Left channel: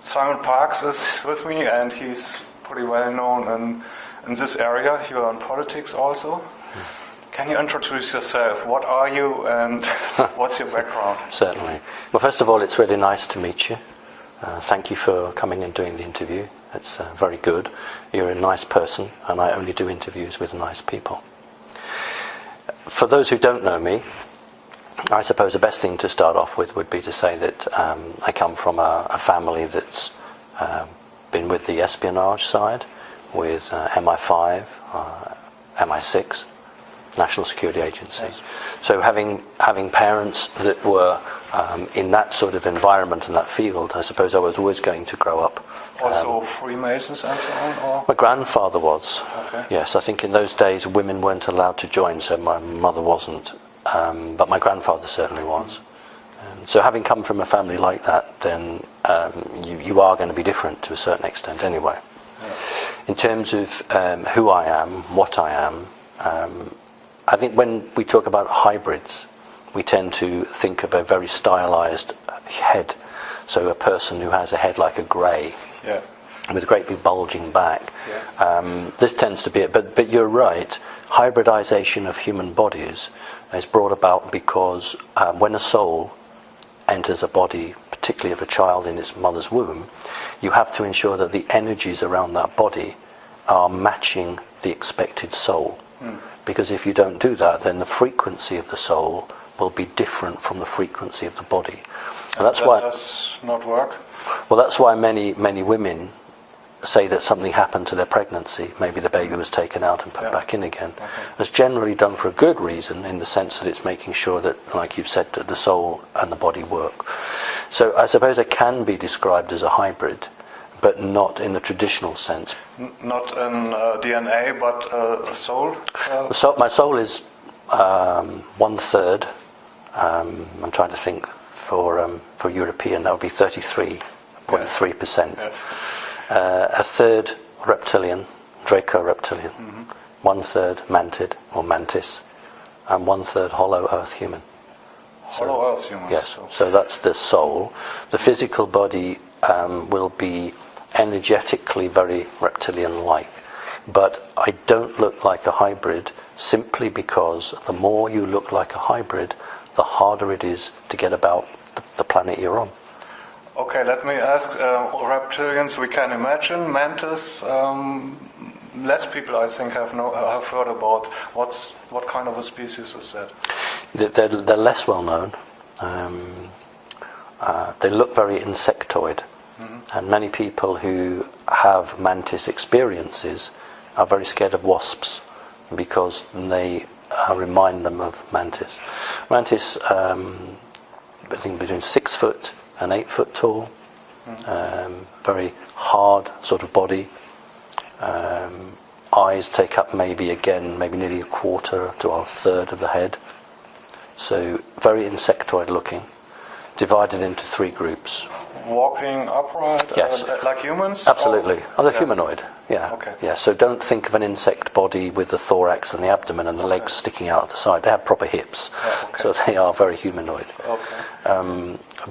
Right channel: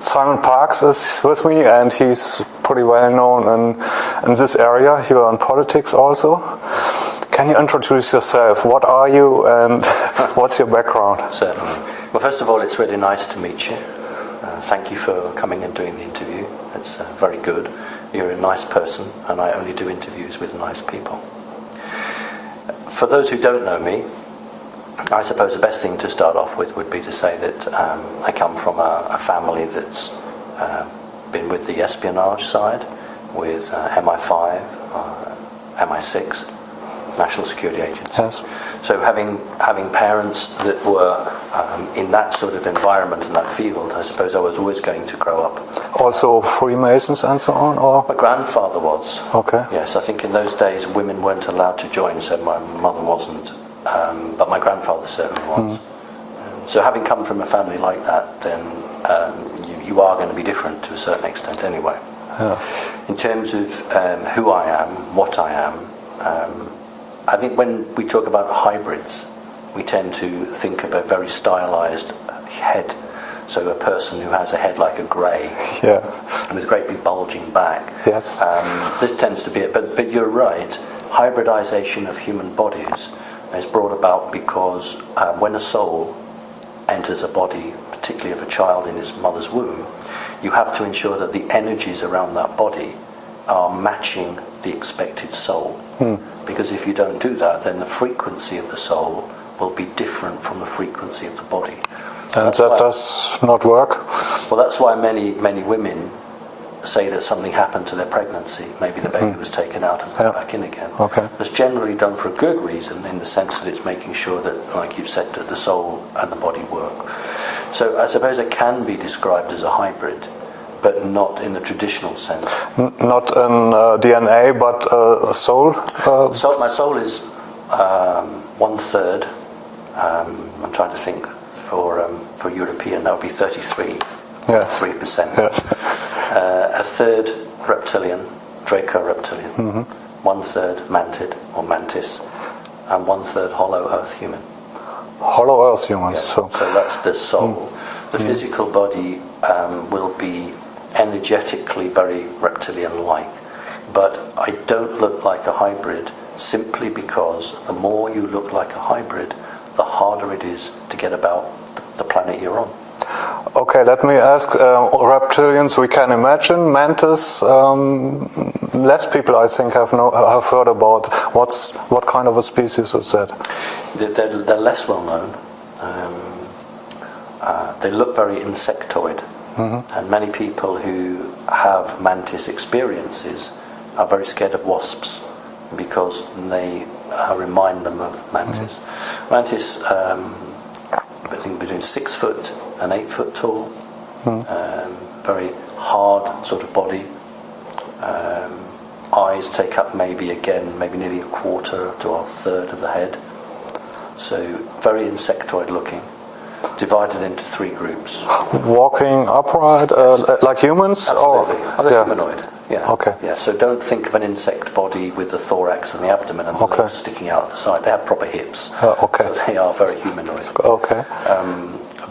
Simon Parkes is with me, and he's pretty well known in this area. You are in politics also. Can you introduce yourself? What are you and what's your background? Certainly. Well, first of all, it's really nice to meet you. Thank you for coming and doing the interview. It's very good. You're a nice person, and I only do interviews with nice people. For those who don't know me, I suppose the best thing to start off with would be to say that I come from a family that's been with the espionage side, with MI5, MI6, National Security Agency. Yes. So having parents that were in that sort of environment and that field, I suppose I was always going to grow up. Also Freemasons and so on? Or? My grandfather was. Okay. Yes, I think in those days women weren't allowed to join, so my mother wasn't. But my grandfather certainly was. So having come from a family like that, then you are going to be different to a certain extent anyway. Yeah. In terms of who I am, what I am, I think when we talk about hybrids, we tend to think of a very stylized head. So a person who has a head like a grey, yeah, with a great big bulging back. Yes. This tends to be it. But you're right, hybridization of human bodies is brought about because when a soul enters a body, particularly of a child in its mother's womb, you have to ensure that the energies around that body are matching the expected soul. Because if you don't do that, then the frequency of the soul will be different from the frequency of the body. And that does not work? Well, that's why many women say that something happened to their pregnancy. Maybe the baby was taken out and put back in again. Okay. It's generally done for a good reason, in the sense that it's making sure that, like you've said, that the soul and the body work. So I suppose it can be described as a hybrid, but not in the traditional sense. Not in DNA, but a soul? So my soul is 1/3. I'm trying to think for European, that would be 33%. Yes. A third reptilian, Draco reptilian. 1/3 mantid or mantis, and 1/3 hollow earth human. Hollow earth human. Yeah. So that's the soul. The physical body will be energetically very reptilian-like, but I don't look like a hybrid simply because the more you look like a hybrid, the harder it is to get about the planet you're on. Okay, let me ask, reptilians we can imagine, mantis, less people I think have heard about. What kind of a species is that? They're less well known. They look very insectoid, and many people who have mantis experiences are very scared of wasps because they remind them of mantis. Mantis, I think between 6 foot and 8 foot tall, very hard sort of body. Eyes take up maybe nearly a quarter to a third of the head. So very insectoid looking, divided into 3 groups. Walking upright, Yes. like humans? Absolutely, they're humanoid. Yeah. Okay. Yeah. So don't think of an insect body with the thorax and the abdomen and the legs sticking out at the side. They have proper hips. Okay. So they are very humanoid. Okay.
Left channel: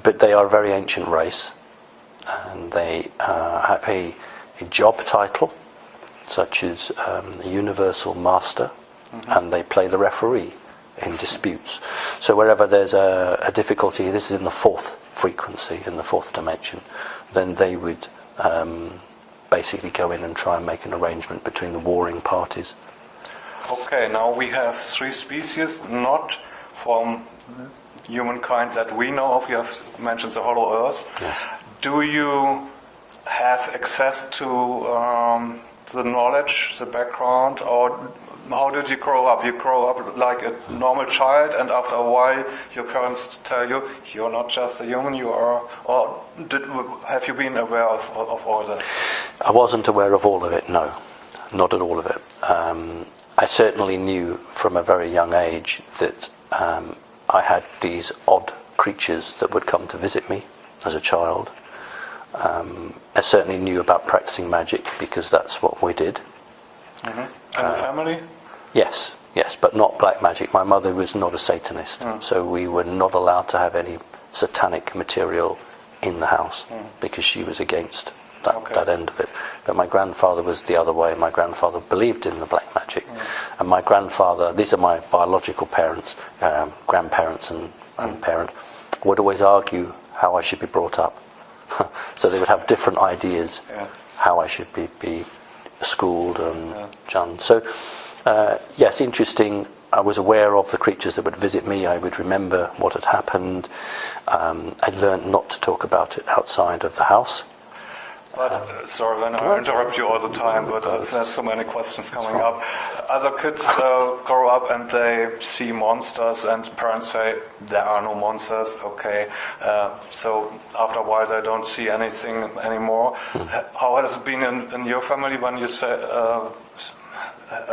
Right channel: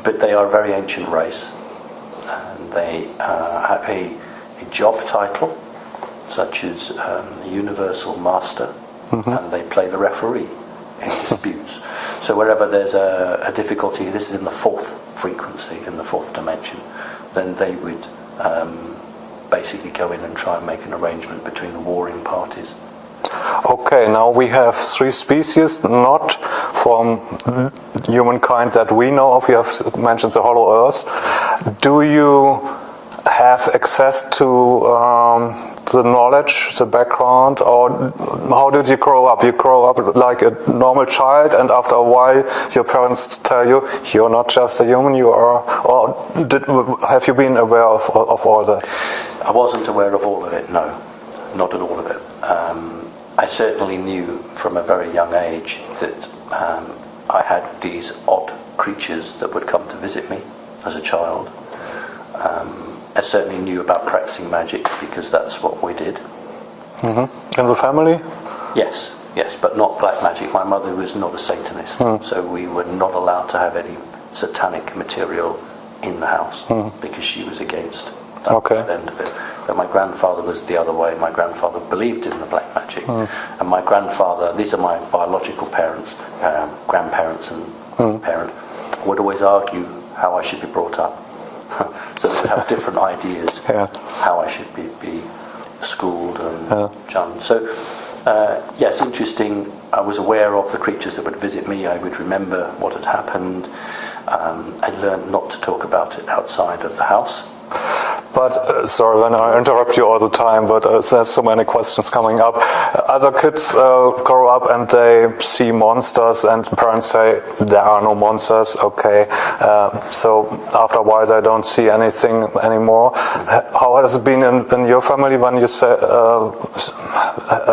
But they are a very ancient race, and they have a job title, such as Universal Master, and they play the referee in disputes. So wherever there's a difficulty, this is in the 4th frequency, in the 4th dimension, then they would basically go in and try and make an arrangement between the warring parties. Okay, now we have 3 species, not from humankind that we know of. You have mentioned the Hollow Earth. Do you have access to the knowledge, the background, or how did you grow up? You grow up like a normal child, and after a while your parents tell you, you're not just a human, you are, or have you been aware of all that? I wasn't aware of all of it, no, not at all of it. I certainly knew from a very young age that I had these odd creatures that would come to visit me as a child. I certainly knew about practicing magic because that's what we did. In the family? Yes, but not black magic. My mother was not a Satanist, so we were not allowed to have any satanic material in the house because she was against that end of it. But my grandfather was the other way. My grandfather believed in the black magic. And my grandfather, these are my biological parents, grandparents and grandparent, would always argue how I should be brought up. So they would have different ideas how I should be schooled and done. So, yes, interesting. I was aware of the creatures that would visit me. I would remember what had happened. I learned not to talk about it outside of the house. But, sorry when I interrupt you all the time, but there's so many questions coming up. Other kids grow up and they see monsters and parents say there are no monsters, okay. So after a while they don't see anything anymore. How has it been in your family when you say,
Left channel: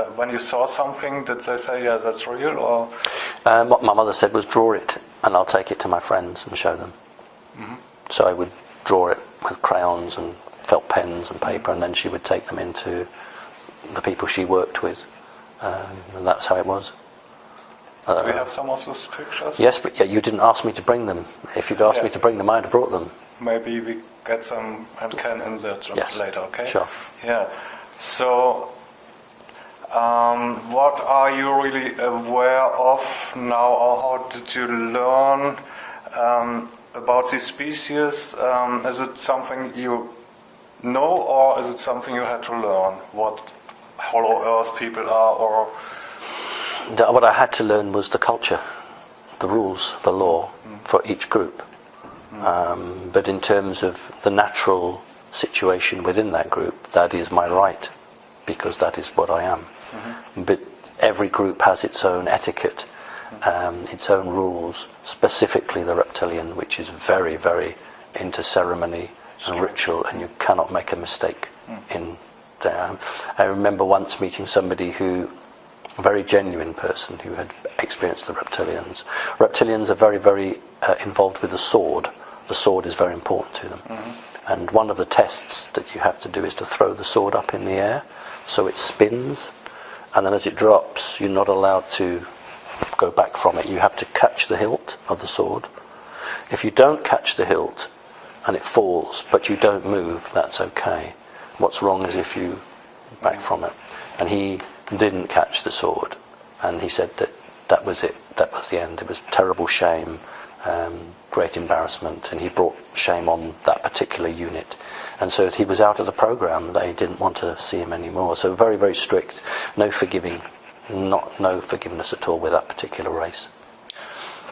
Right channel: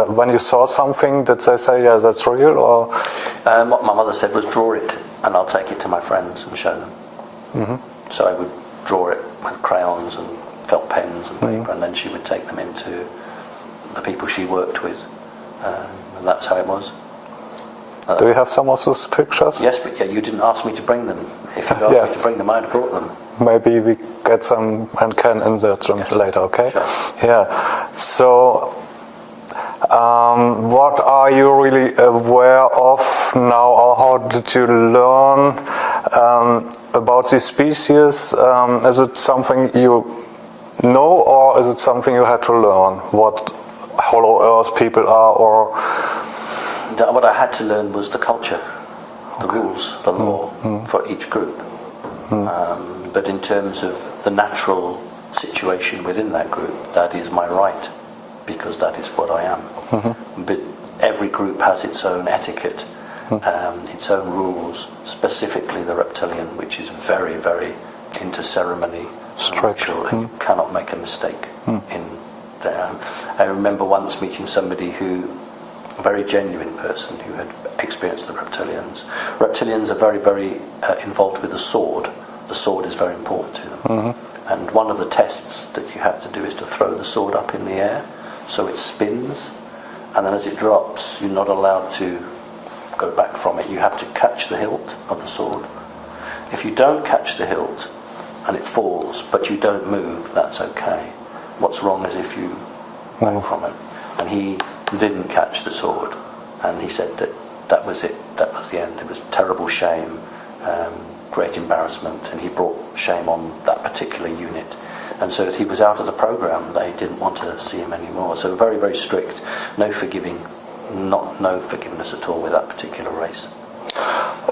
when you saw something? Did they say, yeah, that's real? Or what my mother said was draw it and I'll take it to my friends and show them. So I would draw it with crayons and felt pens and paper, and then she would take them into the people she worked with, and that's how it was. Do you have some of those pictures? Yes, but you didn't ask me to bring them. If you'd asked me to bring them, I'd have brought them. Maybe we get some and can insert them later, okay? Sure. Yeah. So, what are you really aware of now, or how did you learn about these species? Is it something you know, or is it something you had to learn? What Hollow Earth people are, or what I had to learn was the culture, the rules, the law for each group. But in terms of the natural situation within that group, that is my right, because that is what I am. But every group has its own etiquette, its own rules, specifically the reptilian, which is very, very into ceremony and ritual, and you cannot make a mistake in there. I remember once meeting somebody a very genuine person who had experienced the reptilians. Reptilians are very, very involved with the sword. The sword is very important to them. And one of the tests that you have to do is to throw the sword up in the air so it spins, and then as it drops, you're not allowed to go back from it. You have to catch the hilt of the sword. If you don't catch the hilt and it falls, but you don't move, that's okay. What's wrong is if you back from it. And he didn't catch the sword, and he said that was it, that was the end. It was terrible shame, great embarrassment, and he brought shame on that particular unit. And so he was out of the program. They didn't want to see him anymore. So very, very strict, no forgiveness at all with that particular race.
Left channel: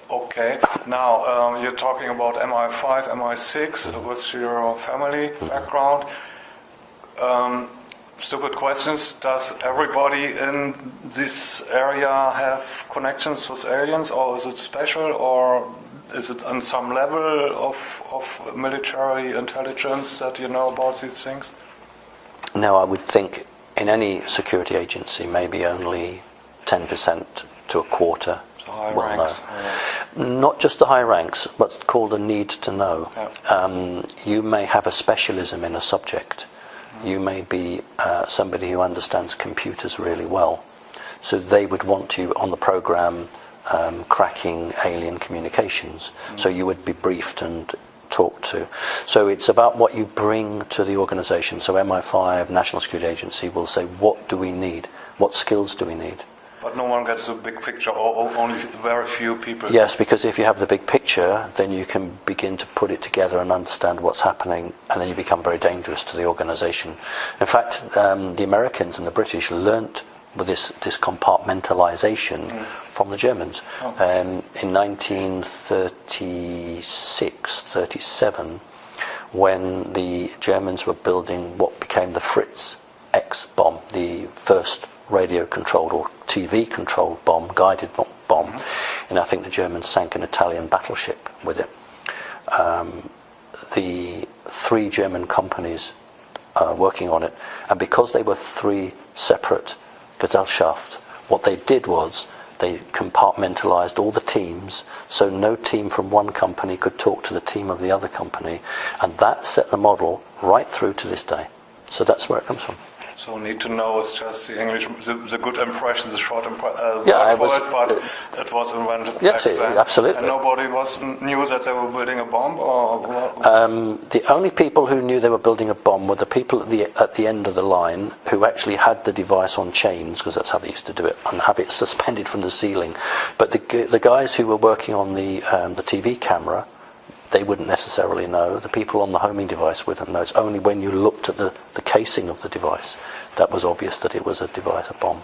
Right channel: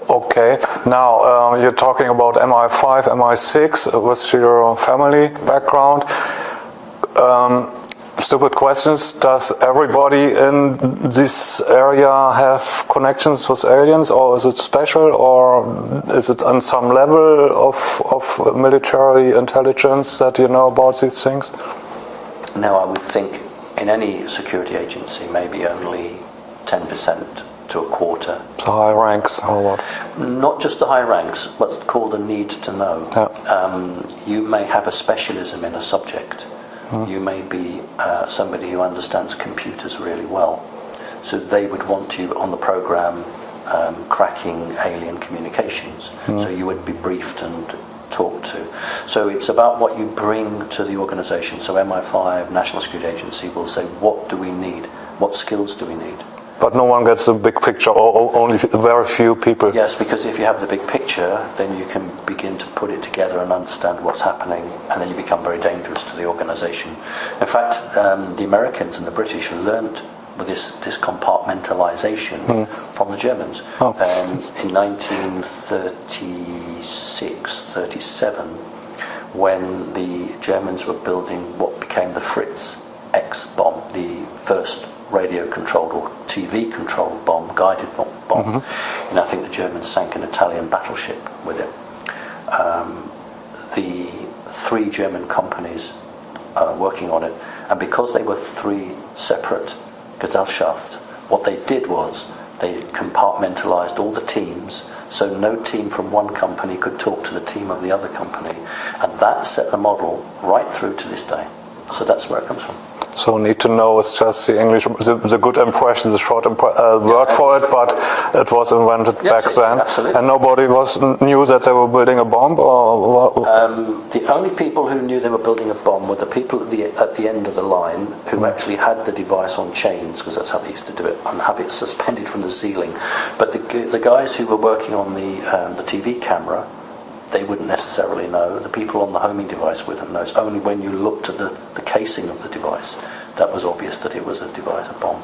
Okay, now you're talking about MI5, MI6 with your family background. Stupid questions. Does everybody in this area have connections with aliens, or is it special, or is it on some level of military intelligence that you know about these things? No, I would think in any security agency maybe only 10% to a quarter. The high ranks or what? Not just the high ranks, what's called a need to know. Yeah. You may have a specialism in a subject. You may be somebody who understands computers really well. So they would want you on the program cracking alien communications. So you would be briefed and talked to. So it's about what you bring to the organisation. So MI5, National Security Agency, will say, what do we need? What skills do we need? But no one gets the big picture, or only very few people. Yes, because if you have the big picture, then you can begin to put it together and understand what's happening, and then you become very dangerous to the organisation. In fact, the Americans and the British learnt with this compartmentalisation from the Germans. In 1936-37, when the Germans were building what became the Fritz X bomb, the first radio-controlled or TV-controlled bomb, guided bomb. And I think the Germans sank an Italian battleship with it. The 3 German companies working on it, and because they were 3 separate Gesellschaft, what they did was they compartmentalised all the teams, so no team from one company could talk to the team of the other company, and that set the model right through to this day. So that's where it comes from. So need to know is just the English, the good impression, the short word for it, but it was invented back then. Absolutely. And nobody knew that they were building a bomb, or what? The only people who knew they were building a bomb were the people at the end of the line who actually had the device on chains, because that's how they used to do it, and have it suspended from the ceiling. But the guys who were working on the TV camera, they wouldn't necessarily know. The people on the homing device wouldn't know. It's only when you looked at the casing of the device that was obvious that it was a device, a bomb.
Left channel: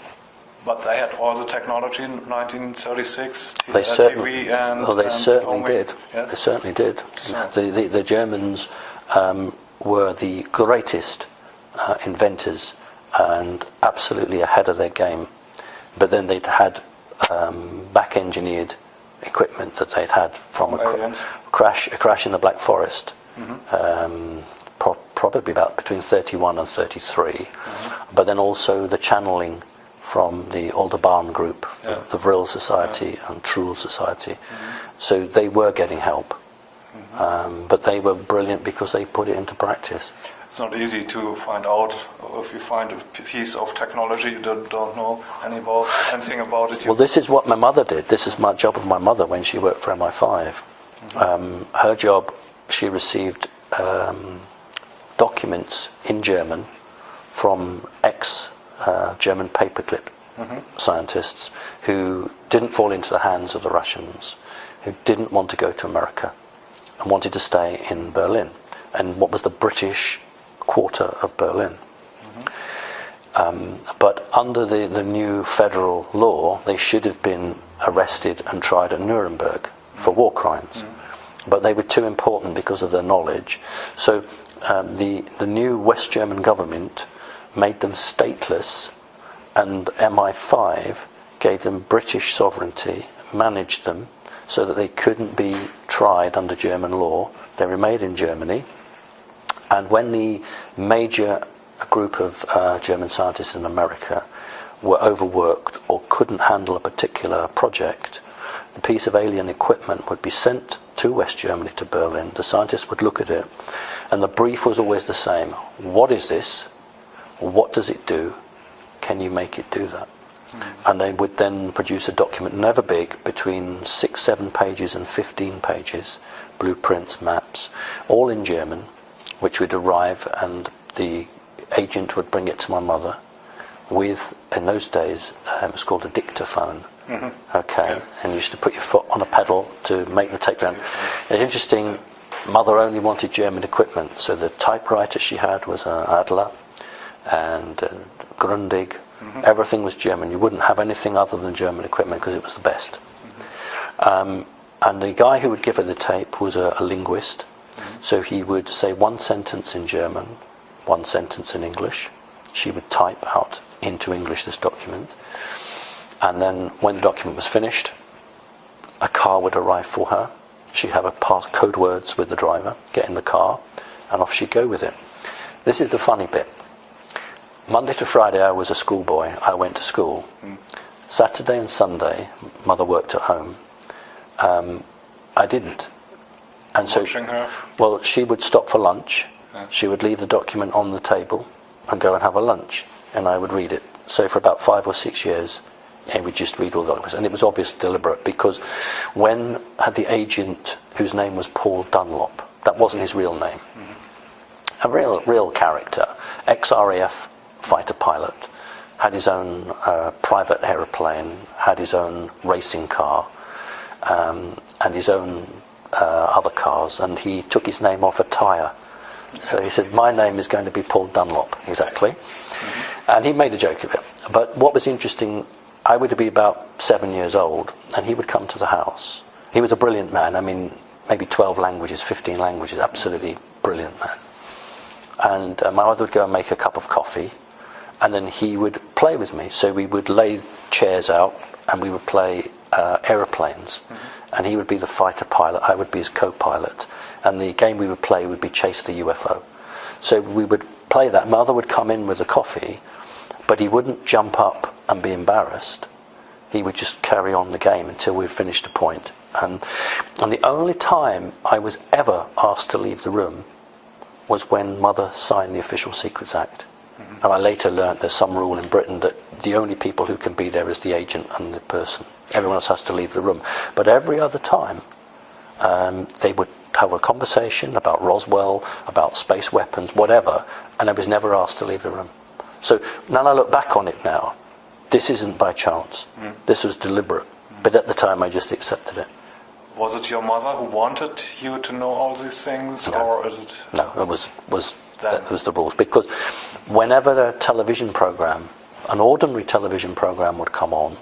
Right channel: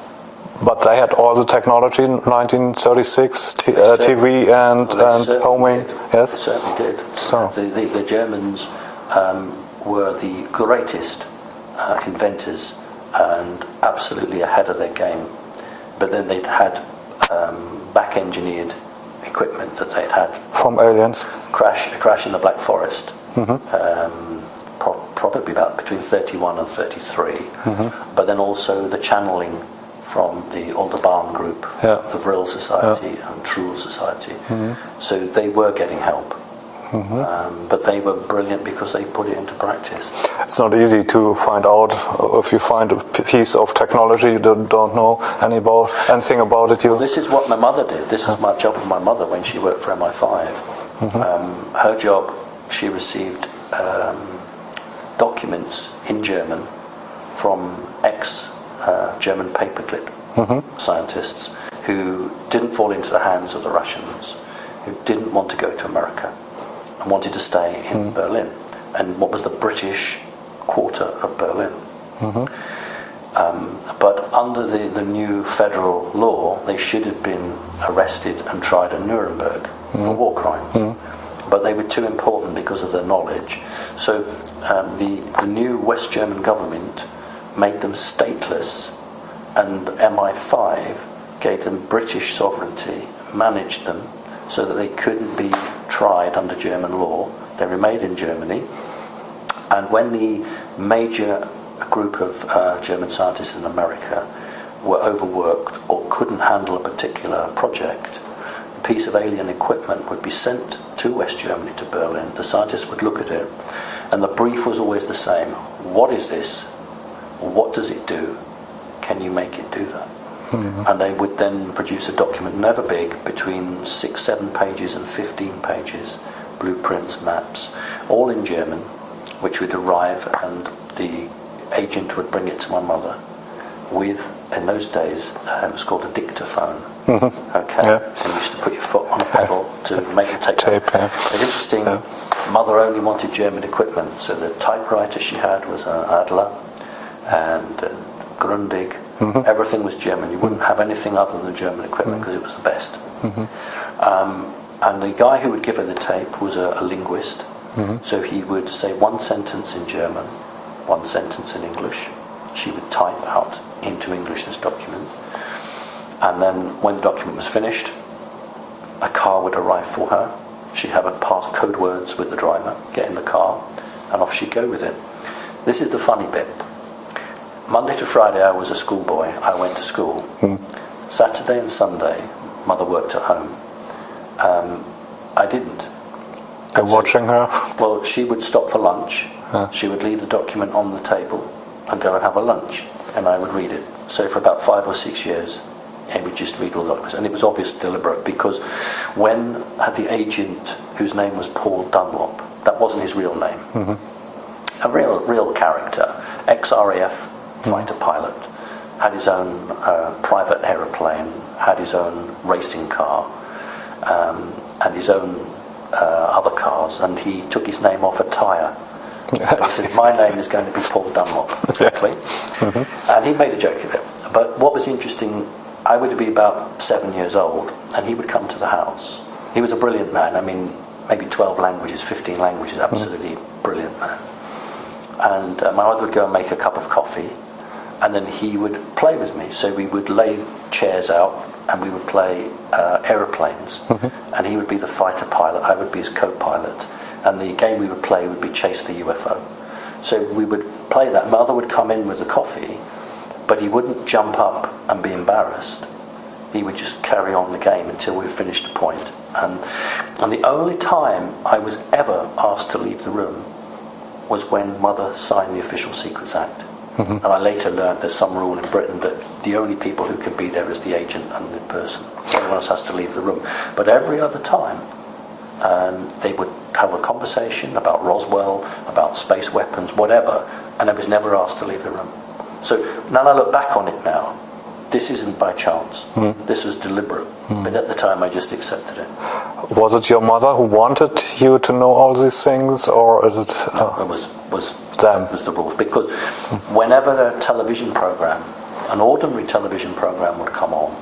But they had all the technology in 1936, TV and homing. Did. Yes, They certainly did. So. The Germans were the greatest inventors and absolutely ahead of their game. But then they'd had back-engineered equipment that they'd had from aliens. Crash in the Black Forest, probably about between 31 and 33. But then also the channeling from the Aldebaran group, the Vril Society and Truhl Society. So they were getting help. But they were brilliant because they put it into practice. It's not easy to find out if you find a piece of technology you don't know anything about it. Well, this is what my mother did. This is my job of my mother when she worked for MI5. Her job, she received documents in German from ex-German paperclip scientists who didn't fall into the hands of the Russians, who didn't want to go to America and wanted to stay in Berlin, and what was the British quarter of Berlin. But under the new federal law, they should have been arrested and tried at Nuremberg for war crimes. But they were too important because of their knowledge. So the new West German government made them stateless, and MI5 gave them British sovereignty, managed them, so that they couldn't be tried under German law. They remained in Germany, and when the major group of German scientists in America were overworked or couldn't handle a particular project, a piece of alien equipment would be sent to West Germany, to Berlin. The scientists would look at it, and the brief was always the same. What is this? What does it do? Can you make it do that? And they would then produce a document, never big, between 6, 7 pages and 15 pages, blueprints, maps, all in German, which would arrive, and the agent would bring it to my mother with, in those days, it was called a dictaphone. And you used to put your foot on a pedal to make the tape. It's interesting, mother only wanted German equipment, so the typewriter she had was an Adler and Grundig. Everything was German. You wouldn't have anything other than German equipment because it was the best. And the guy who would give her the tape was a linguist. So he would say one sentence in German, one sentence in English. She would type out into English this document. And then when the document was finished, a car would arrive for her. She'd have a pass code words with the driver, get in the car, and off she'd go with it. This is the funny bit. Monday to Friday I was a schoolboy. I went to school. Saturday and Sunday, mother worked at home. I didn't. You're watching her? Well, she would stop for lunch. She would leave the document on the table and go and have a lunch, and I would read it. So for about 5 or 6 years, and we just read all the documents. And it was obviously deliberate, because when the agent, whose name was Paul Dunlop, that wasn't his real name, a real character, ex-RAF fighter pilot, had his own private aeroplane, had his own racing car, and his own other cars, and he took his name off a tyre. So he said, my name is going to be Paul Dunlop, exactly. And he made a joke of it. But what was interesting, I would be about 7 years old, and he would come to the house. He was a brilliant man. I mean, maybe 12 languages, 15 languages, absolutely brilliant man. And my mother would go and make a cup of coffee, and then he would play with me. So we would lay chairs out, and we would play aeroplanes. And he would be the fighter pilot, I would be his co-pilot. And the game we would play would be Chase the UFO. So we would play that. Mother would come in with a coffee, but he wouldn't jump up and be embarrassed. He would just carry on the game until we finished a point. And the only time I was ever asked to leave the room was when Mother signed the Official Secrets Act. And I later learned there's some rule in Britain that the only people who can be there is the agent and the person. Everyone else has to leave the room. But every other time, they would have a conversation about Roswell, about space weapons, whatever, and I was never asked to leave the room. So now I look back on it now, this isn't by chance. This was deliberate. But at the time, I just accepted it. Was it your mother who wanted you to know all these things, or is it? No, it was the rules. Because whenever a television program, an ordinary television program would come on,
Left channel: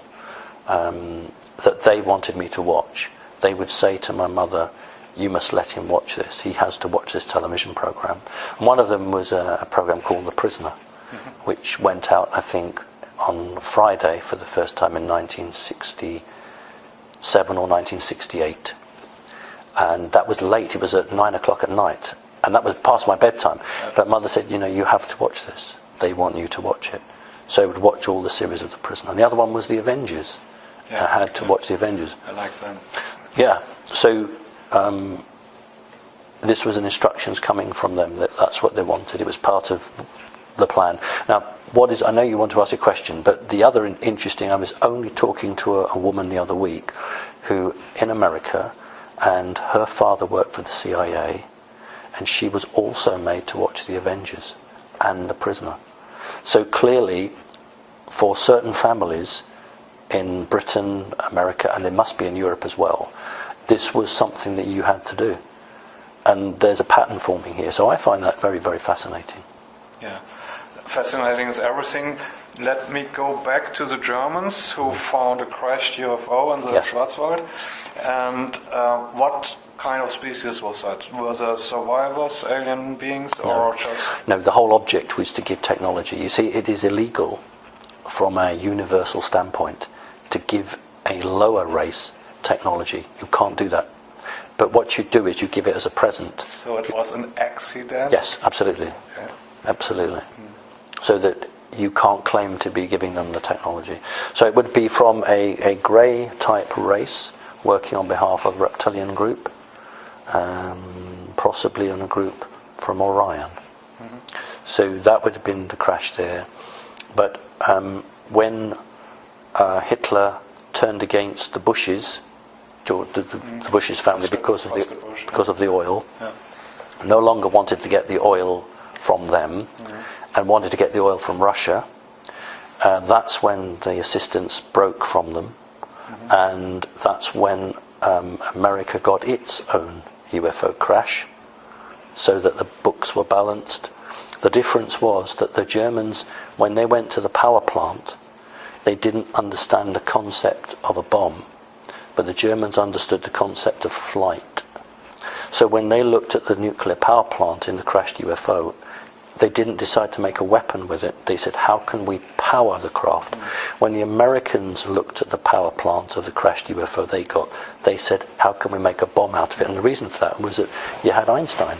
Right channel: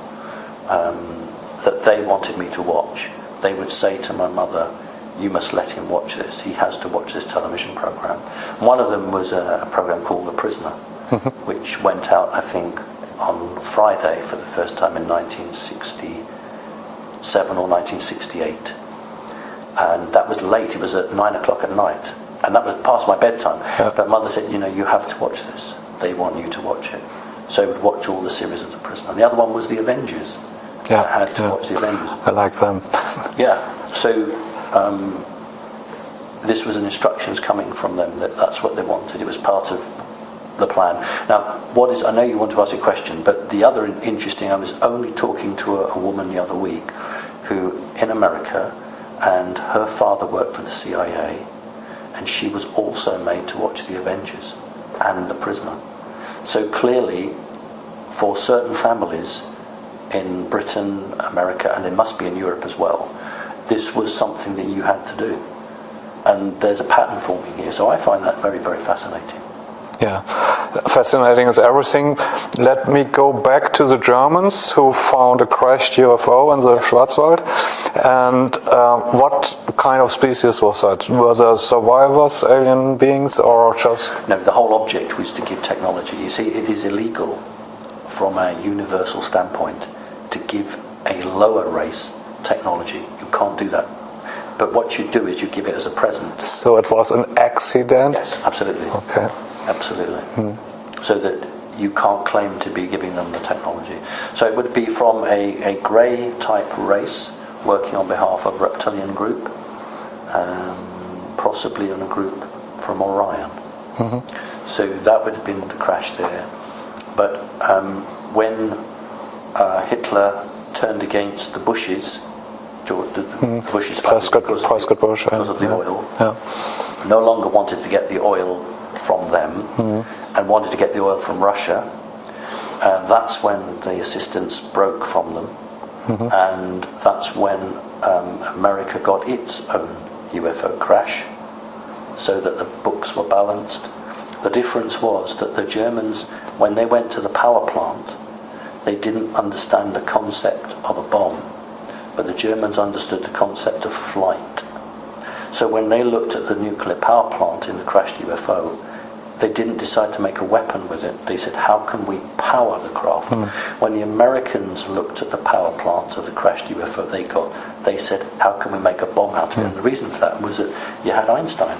that they wanted me to watch, they would say to my mother, "You must let him watch this. He has to watch this television program." One of them was a program called The Prisoner, which went out, I think, on Friday for the first time in 1967 or 1968. And that was late. It was at 9 o'clock at night. And that was past my bedtime. Yeah. But Mother said, you know, you have to watch this. They want you to watch it. So I would watch all the series of The Prisoner. And the other one was The Avengers. Yeah, I had to watch The Avengers. I like them. Yeah. So this was an instructions coming from them that's what they wanted. It was part of the plan. Now, I know you want to ask a question, but the other interesting, I was only talking to a woman the other week who, in America, and her father worked for the CIA, and she was also made to watch The Avengers and The Prisoner. So clearly, for certain families in Britain, America, and it must be in Europe as well, this was something that you had to do. And there's a pattern forming here, so I find that very, very fascinating. Yeah, fascinating is everything. Let me go back to the Germans who found a crashed UFO in the Schwarzwald. And what kind of species was that? Were there survivors, alien beings, or just... No, the whole object was to give technology. You see, it is illegal from a universal standpoint to give a lower race technology. You can't do that. But what you do is you give it as a present. So it was an accident? Yes, absolutely. Okay. Absolutely. So that you can't claim to be giving them the technology. So it would be from a grey type race working on behalf of a reptilian group, possibly in a group from Orion. So that would have been the crash there. But when Hitler turned against the Bushes, the Bushes family, because of the oil, no longer wanted to get the oil from them and wanted to get the oil from Russia. That's when the assistance broke from them, and that's when America got its own UFO crash, so that the books were balanced. The difference was that the Germans, when they went to the power plant, they didn't understand the concept of a bomb, but the Germans understood the concept of flight. So when they looked at the nuclear power plant in the crashed UFO, they didn't decide to make a weapon with it. They said, how can we power the craft? When the Americans looked at the power plant of the crashed UFO they said, how can we make a bomb out of it? And the reason for that was that you had Einstein,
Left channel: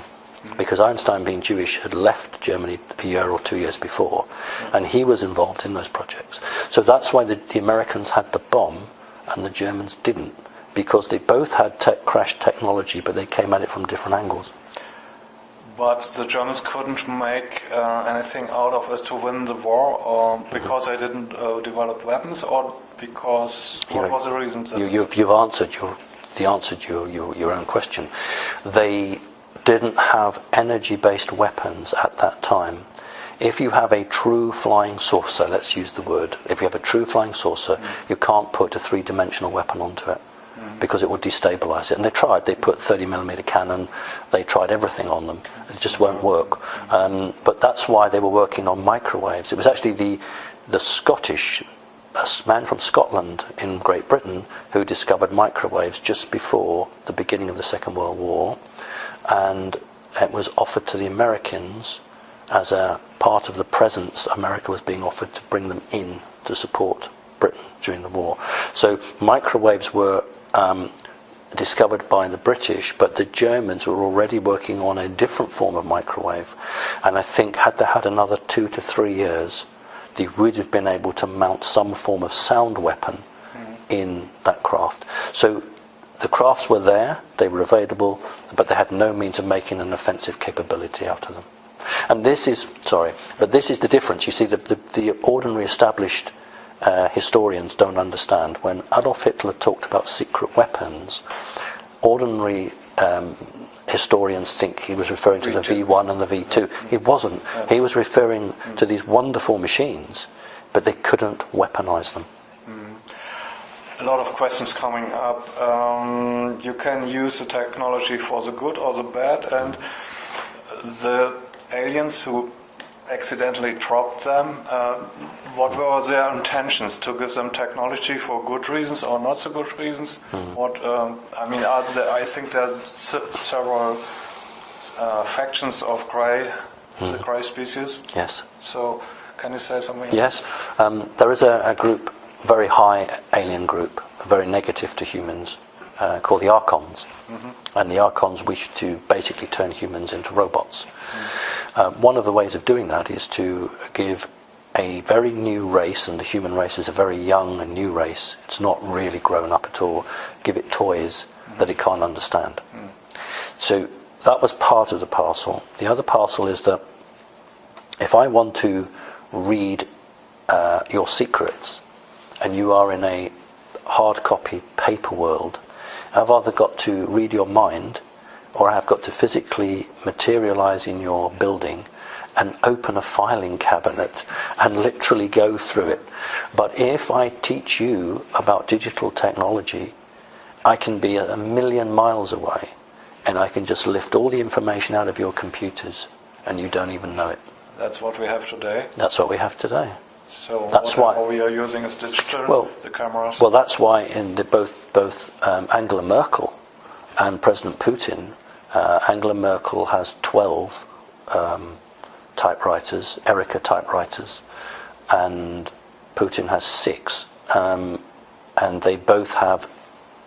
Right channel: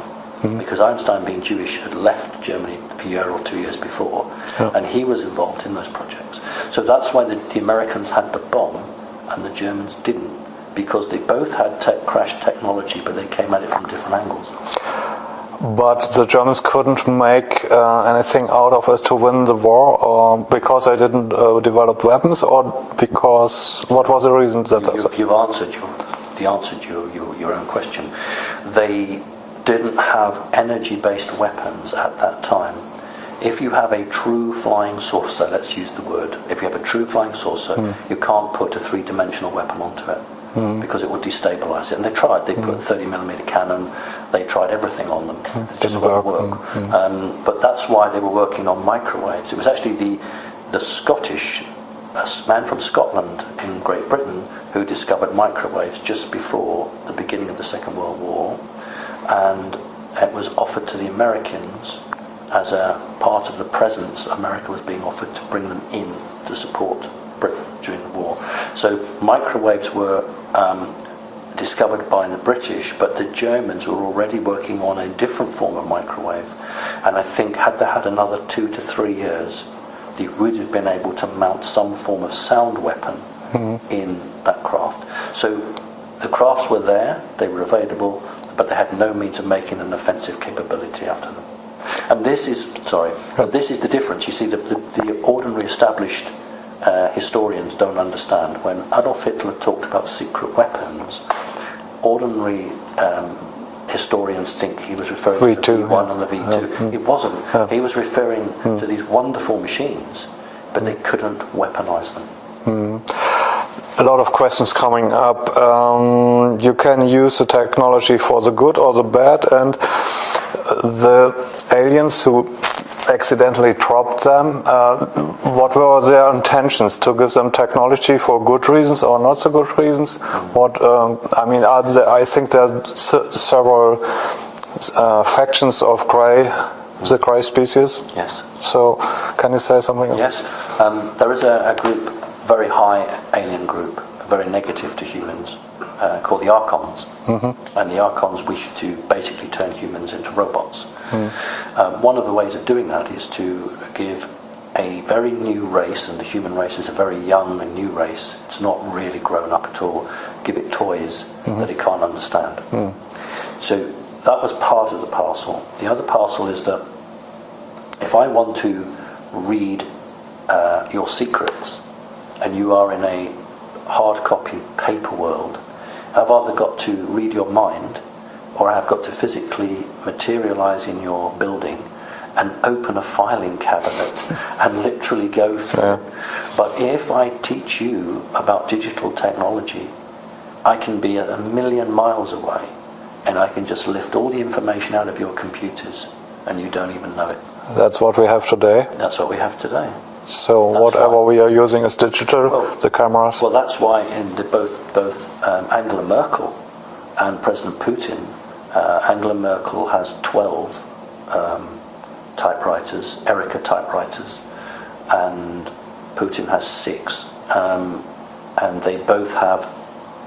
because Einstein, being Jewish, had left Germany a year or 2 years before, and he was involved in those projects. So that's why the Americans had the bomb and the Germans didn't, because they both had crashed technology, but they came at it from different angles. But the Germans couldn't make anything out of it to win the war, or because they didn't develop weapons, or because what was the reason? You've answered your own question. They didn't have energy-based weapons at that time. If you have a true flying saucer, let's use the word. If you have a true flying saucer, you can't put a three-dimensional weapon onto it. Because it would destabilise it. And they tried. They put 30mm cannon. They tried everything on them. It just won't work. But that's why they were working on microwaves. It was actually the Scottish, a man from Scotland in Great Britain, who discovered microwaves just before the beginning of the Second World War. And it was offered to the Americans as a part of the presents America was being offered to bring them in to support Britain during the war. So microwaves were discovered by the British, but the Germans were already working on a different form of microwave, and I think had they had another 2 to 3 years, they would have been able to mount some form of sound weapon in that craft. So the crafts were there, they were available, but they had no means of making an offensive capability out of them. And this is the difference. You see, the ordinary established historians don't understand. When Adolf Hitler talked about secret weapons, ordinary historians think he was referring to the V1 and the V2. It wasn't. He was referring to these wonderful machines, but they couldn't weaponize them. A lot of questions coming up. You can use the technology for the good or the bad, and the aliens who accidentally dropped them, what were their intentions? To give them technology for good reasons or not so good reasons? I think there are several factions of the grey species. Yes. So, can you say something? Yes. There is a group, very high alien group, very negative to humans, called the Archons. And the Archons wish to basically turn humans into robots. One of the ways of doing that is to give a very new race, and the human race is a very young and new race, it's not really grown up at all, give it toys that it can't understand. So that was part of the parcel. The other parcel is that if I want to read your secrets, and you are in a hard copy paper world, I've either got to read your mind, or I've got to physically materialize in your building and open a filing cabinet and literally go through it. But if I teach you about digital technology, I can be a million miles away, and I can just lift all the information out of your computers, and you don't even know it. That's what we have today? That's what we have today. So that's whatever we are using is digital, the cameras? Well, that's why in both Angela Merkel and President Putin, Angela Merkel has 12 typewriters, Erica typewriters, and Putin has 6. And they both have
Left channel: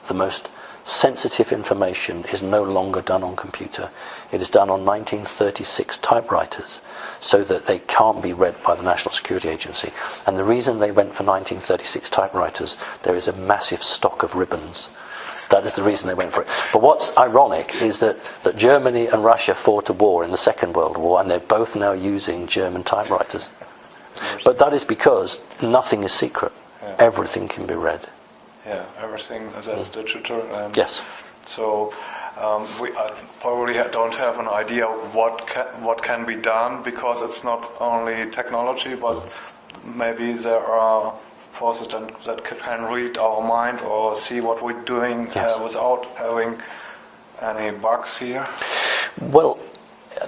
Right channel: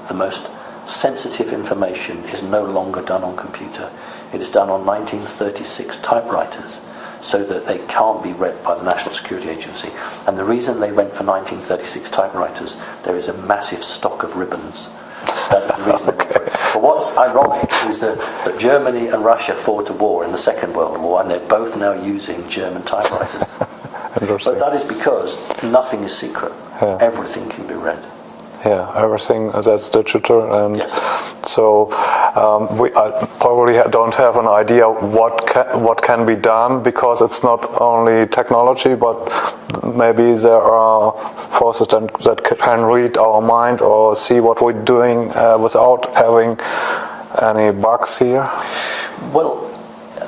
the most sensitive information is no longer done on computer. It is done on 1936 typewriters, so that they can't be read by the National Security Agency. And the reason they went for 1936 typewriters, there is a massive stock of ribbons. That is the reason they went for it. But what's ironic is that Germany and Russia fought a war in the Second World War, and they're both now using German typewriters. But that is because nothing is secret. Everything can be read. Yeah, everything that's digital, and yes. So we probably don't have an idea what can be done, because it's not only technology, but maybe there are forces that can read our mind or see what we're doing without having any bugs here. Well,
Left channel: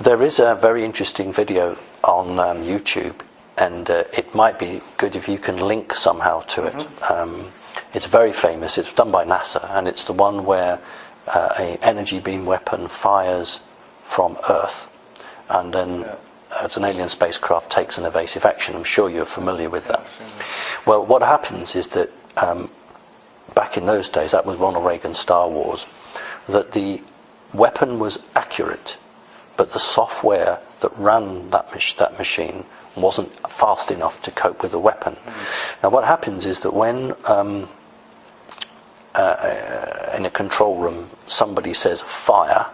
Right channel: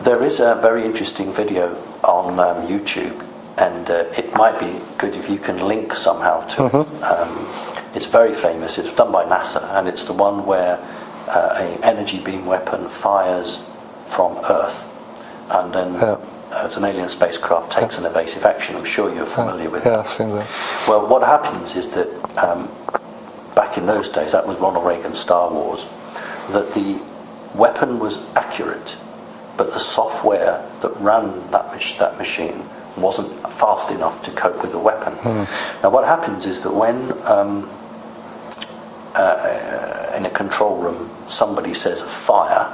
there is a very interesting video on YouTube, and it might be good if you can link somehow to it. It's very famous. It's done by NASA, and it's the one where an energy beam weapon fires from Earth, and then it's an alien spacecraft takes an evasive action. I'm sure you're familiar with that. Certainly. Well, what happens is that back in those days, that was Ronald Reagan's Star Wars, that the weapon was accurate, but the software that ran that machine wasn't fast enough to cope with the weapon. Now what happens is that when in a control room somebody says fire,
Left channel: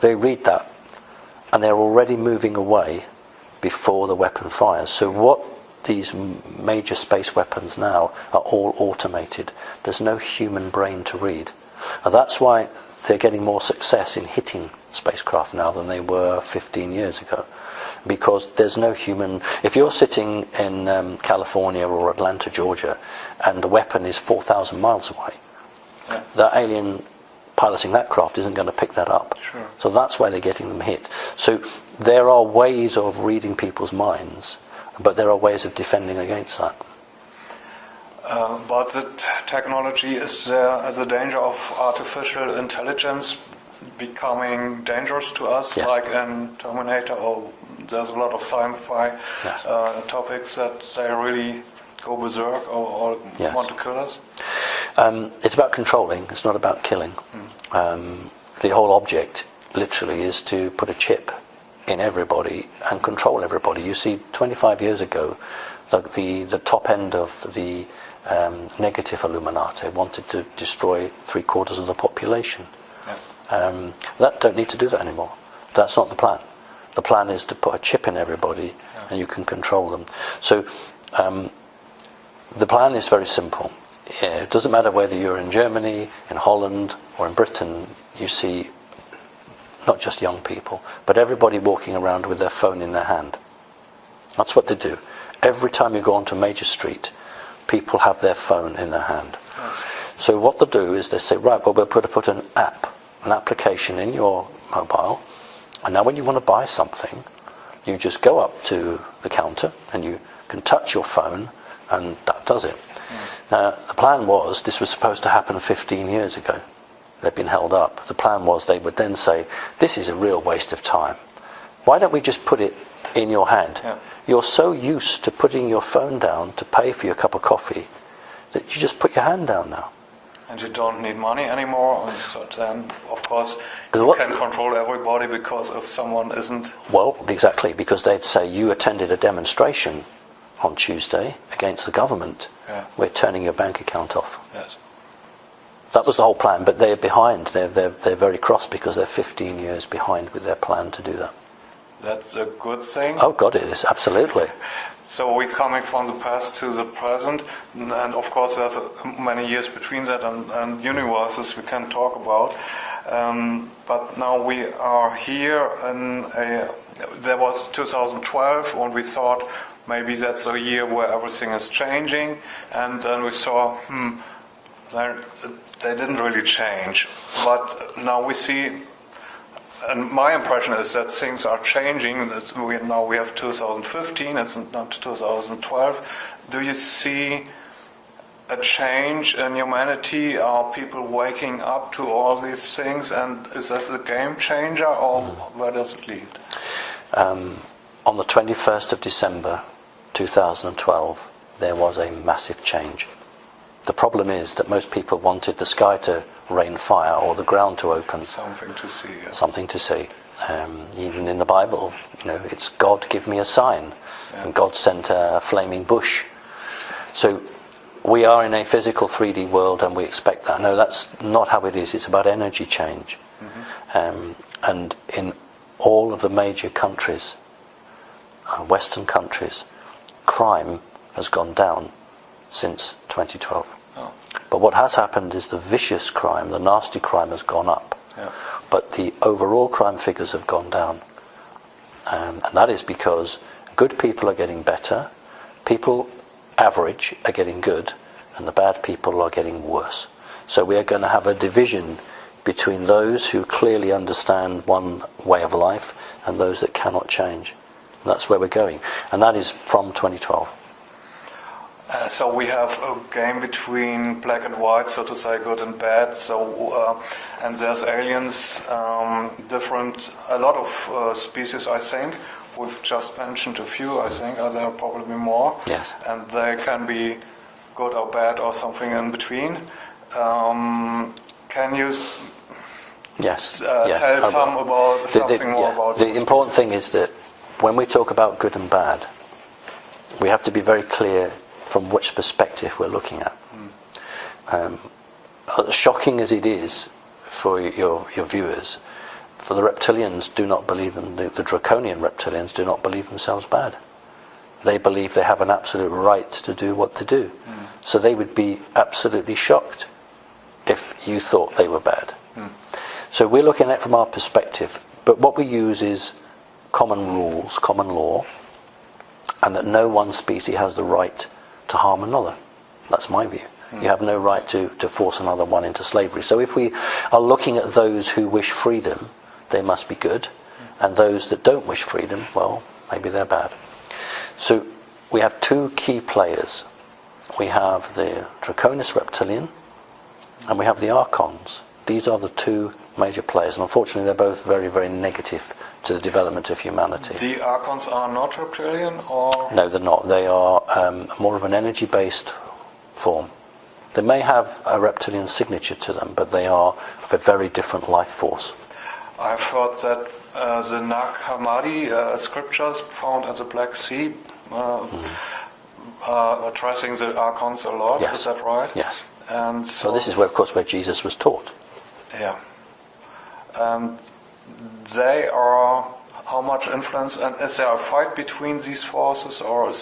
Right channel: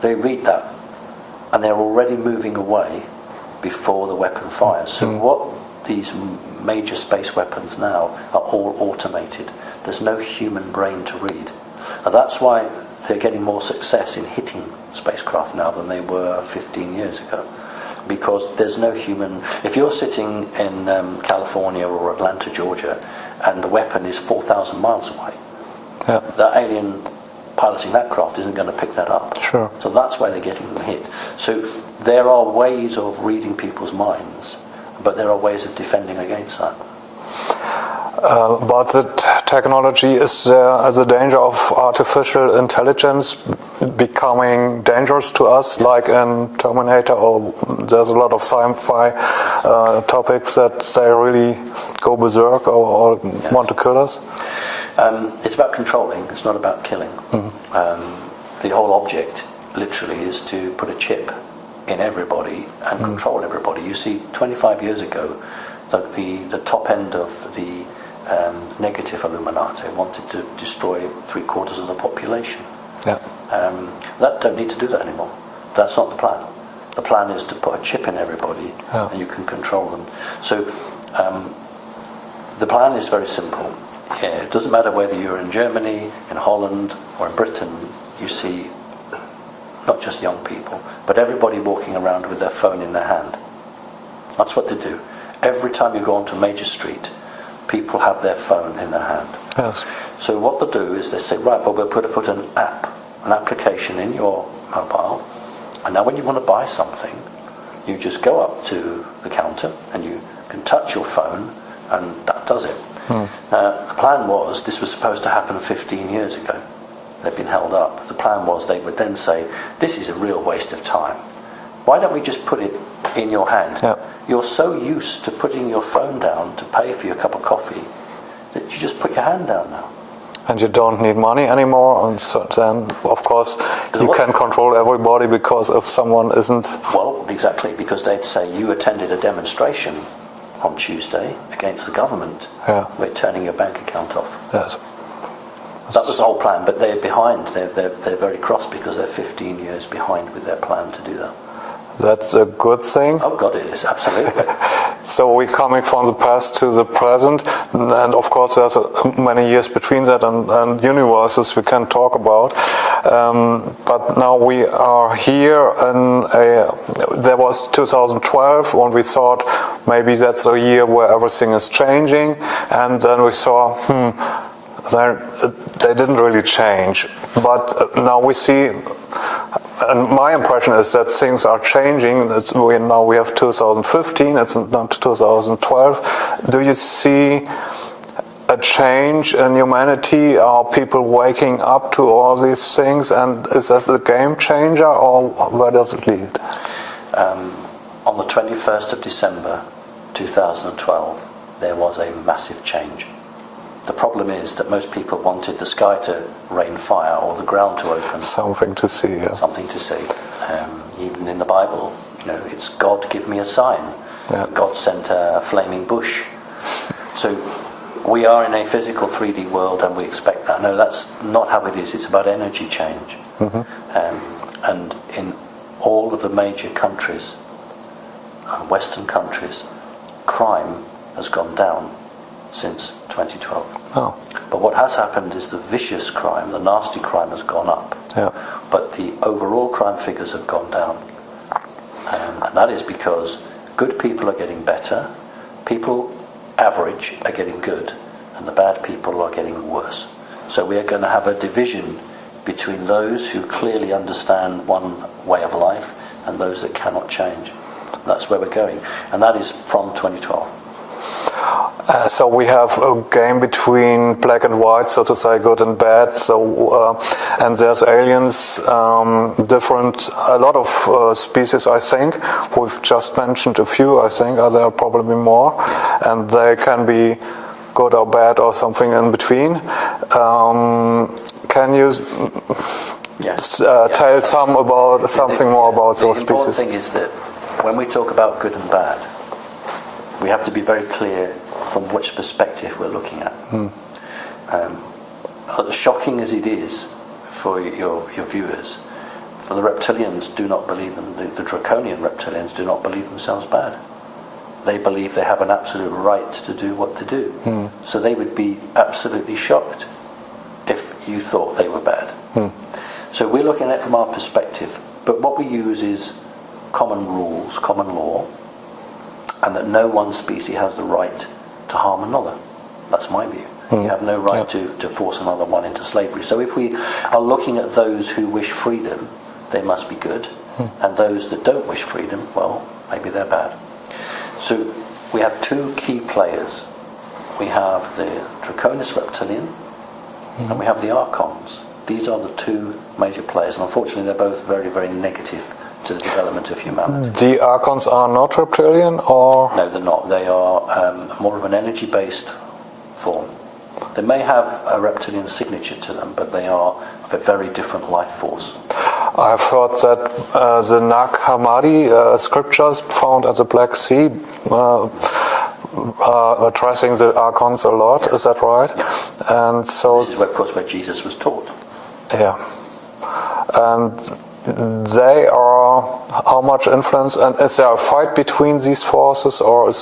they read that and they're already moving away before the weapon fires. So what these major space weapons now are all automated. There's no human brain to read. And that's why they're getting more success in hitting spacecraft now than they were 15 years ago. Because there's no human... If you're sitting in California or Atlanta, Georgia, and the weapon is 4,000 miles away, that alien piloting that craft isn't going to pick that up. Sure. So that's why they're getting them hit. So there are ways of reading people's minds, but there are ways of defending against that. But the technology, is there the danger of artificial intelligence becoming dangerous to us, like in Terminator, or there's a lot of sci-fi topics that they really go berserk or want to kill us? It's about controlling, it's not about killing. The whole object literally is to put a chip in everybody and control everybody. You see, 25 years ago, the top end of the negative Illuminati wanted to destroy 3/4 of the population. That don't need to do that anymore. That's not the plan. The plan is to put a chip in everybody, and you can control them. So the plan is very simple. It doesn't matter whether you're in Germany, in Holland, or in Britain, you see not just young people, but everybody walking around with their phone in their hand. That's what they do. Every time you go onto a major street, people have their phone in their hand. Yes. So what they do is they say, right, well, we'll put an application in your mobile, and now when you want to buy something, you just go up to the counter and you can touch your phone, and that does it. The plan was, this was supposed to happen 15 years ago. They've been held up. The plan was they would then say, this is a real waste of time. Why don't we just put it in your hand? Yeah. You're so used to putting your phone down to pay for your cup of coffee that you just put your hand down now. And you don't need money anymore, and so then, of course, you can control everybody, because if someone isn't... Well, exactly, because they'd say, you attended a demonstration on Tuesday against the government. Yeah. We're turning your bank account off. Yes. That was the whole plan, but they're behind. They're very cross because they're 15 years behind with their plan to do that. That's a good thing. Oh God, it is, absolutely. So we're coming from the past to the present, and of course there's many years between that, and universes we can talk about. But now we are here, and there was 2012 when we thought maybe that's a year where everything is changing, and then we saw, they didn't really change. But now we see, and my impression is that things are changing. Now we have 2015, it's not 2012. Do you see a change in humanity? Are people waking up to all these things? And is that a game changer, or where does it lead? On the 21st of December 2012, there was a massive change. The problem is that most people wanted the sky to rain fire or the ground to open. Something to see, yeah. Something to see. Even in the Bible, it's God, give me a sign. Yeah. God sent a flaming bush. So we are in a physical 3D world, and we expect that. No, that's not how it is. It's about energy change. And in all of the major countries, Western countries, crime has gone down since 2012. Oh. But what has happened is the vicious crime, the nasty crime, has gone up. Yeah. But the overall crime figures have gone down. And that is because good people are getting better, people average are getting good, and the bad people are getting worse. So we are going to have a division between those who clearly understand one way of life and those that cannot change. And that's where we're going. And that is from 2012. So we have a game between black and white, so to say, good and bad. So and there's aliens, different, a lot of species. I think we've just mentioned a few. I think there are probably more, and they can be good or bad or something in between. Can you tell something more about those species? The important thing is that when we talk about good and bad, we have to be very clear from which perspective we're looking at. Shocking as it is for your viewers, for the reptilians do not believe them, the draconian reptilians do not believe themselves bad. They believe they have an absolute right to do what they do. So they would be absolutely shocked if you thought they were bad. So we're looking at it from our perspective, but what we use is common rules, common law, and that no one species has the right to harm another. That's my view. You have no right to force another one into slavery. So if we are looking at those who wish freedom, they must be good, and those that don't wish freedom, well, maybe they're bad. So we have two key players. We have the Draconis reptilian, and we have the Archons. These are the two major players, and unfortunately they're both very, very negative to the development of humanity. The Archons are not reptilian, or...? No, they're not. They are more of an energy-based form. They may have a reptilian signature to them, but they are of a very different life force. I've heard that the Nag Hammadi scriptures found at the Black Sea addressing the Archons a lot. Yes. Is that right? Yes. And so this is where, of course, where Jesus was taught. Yeah. And they are how much influence, and is there a fight between these forces, or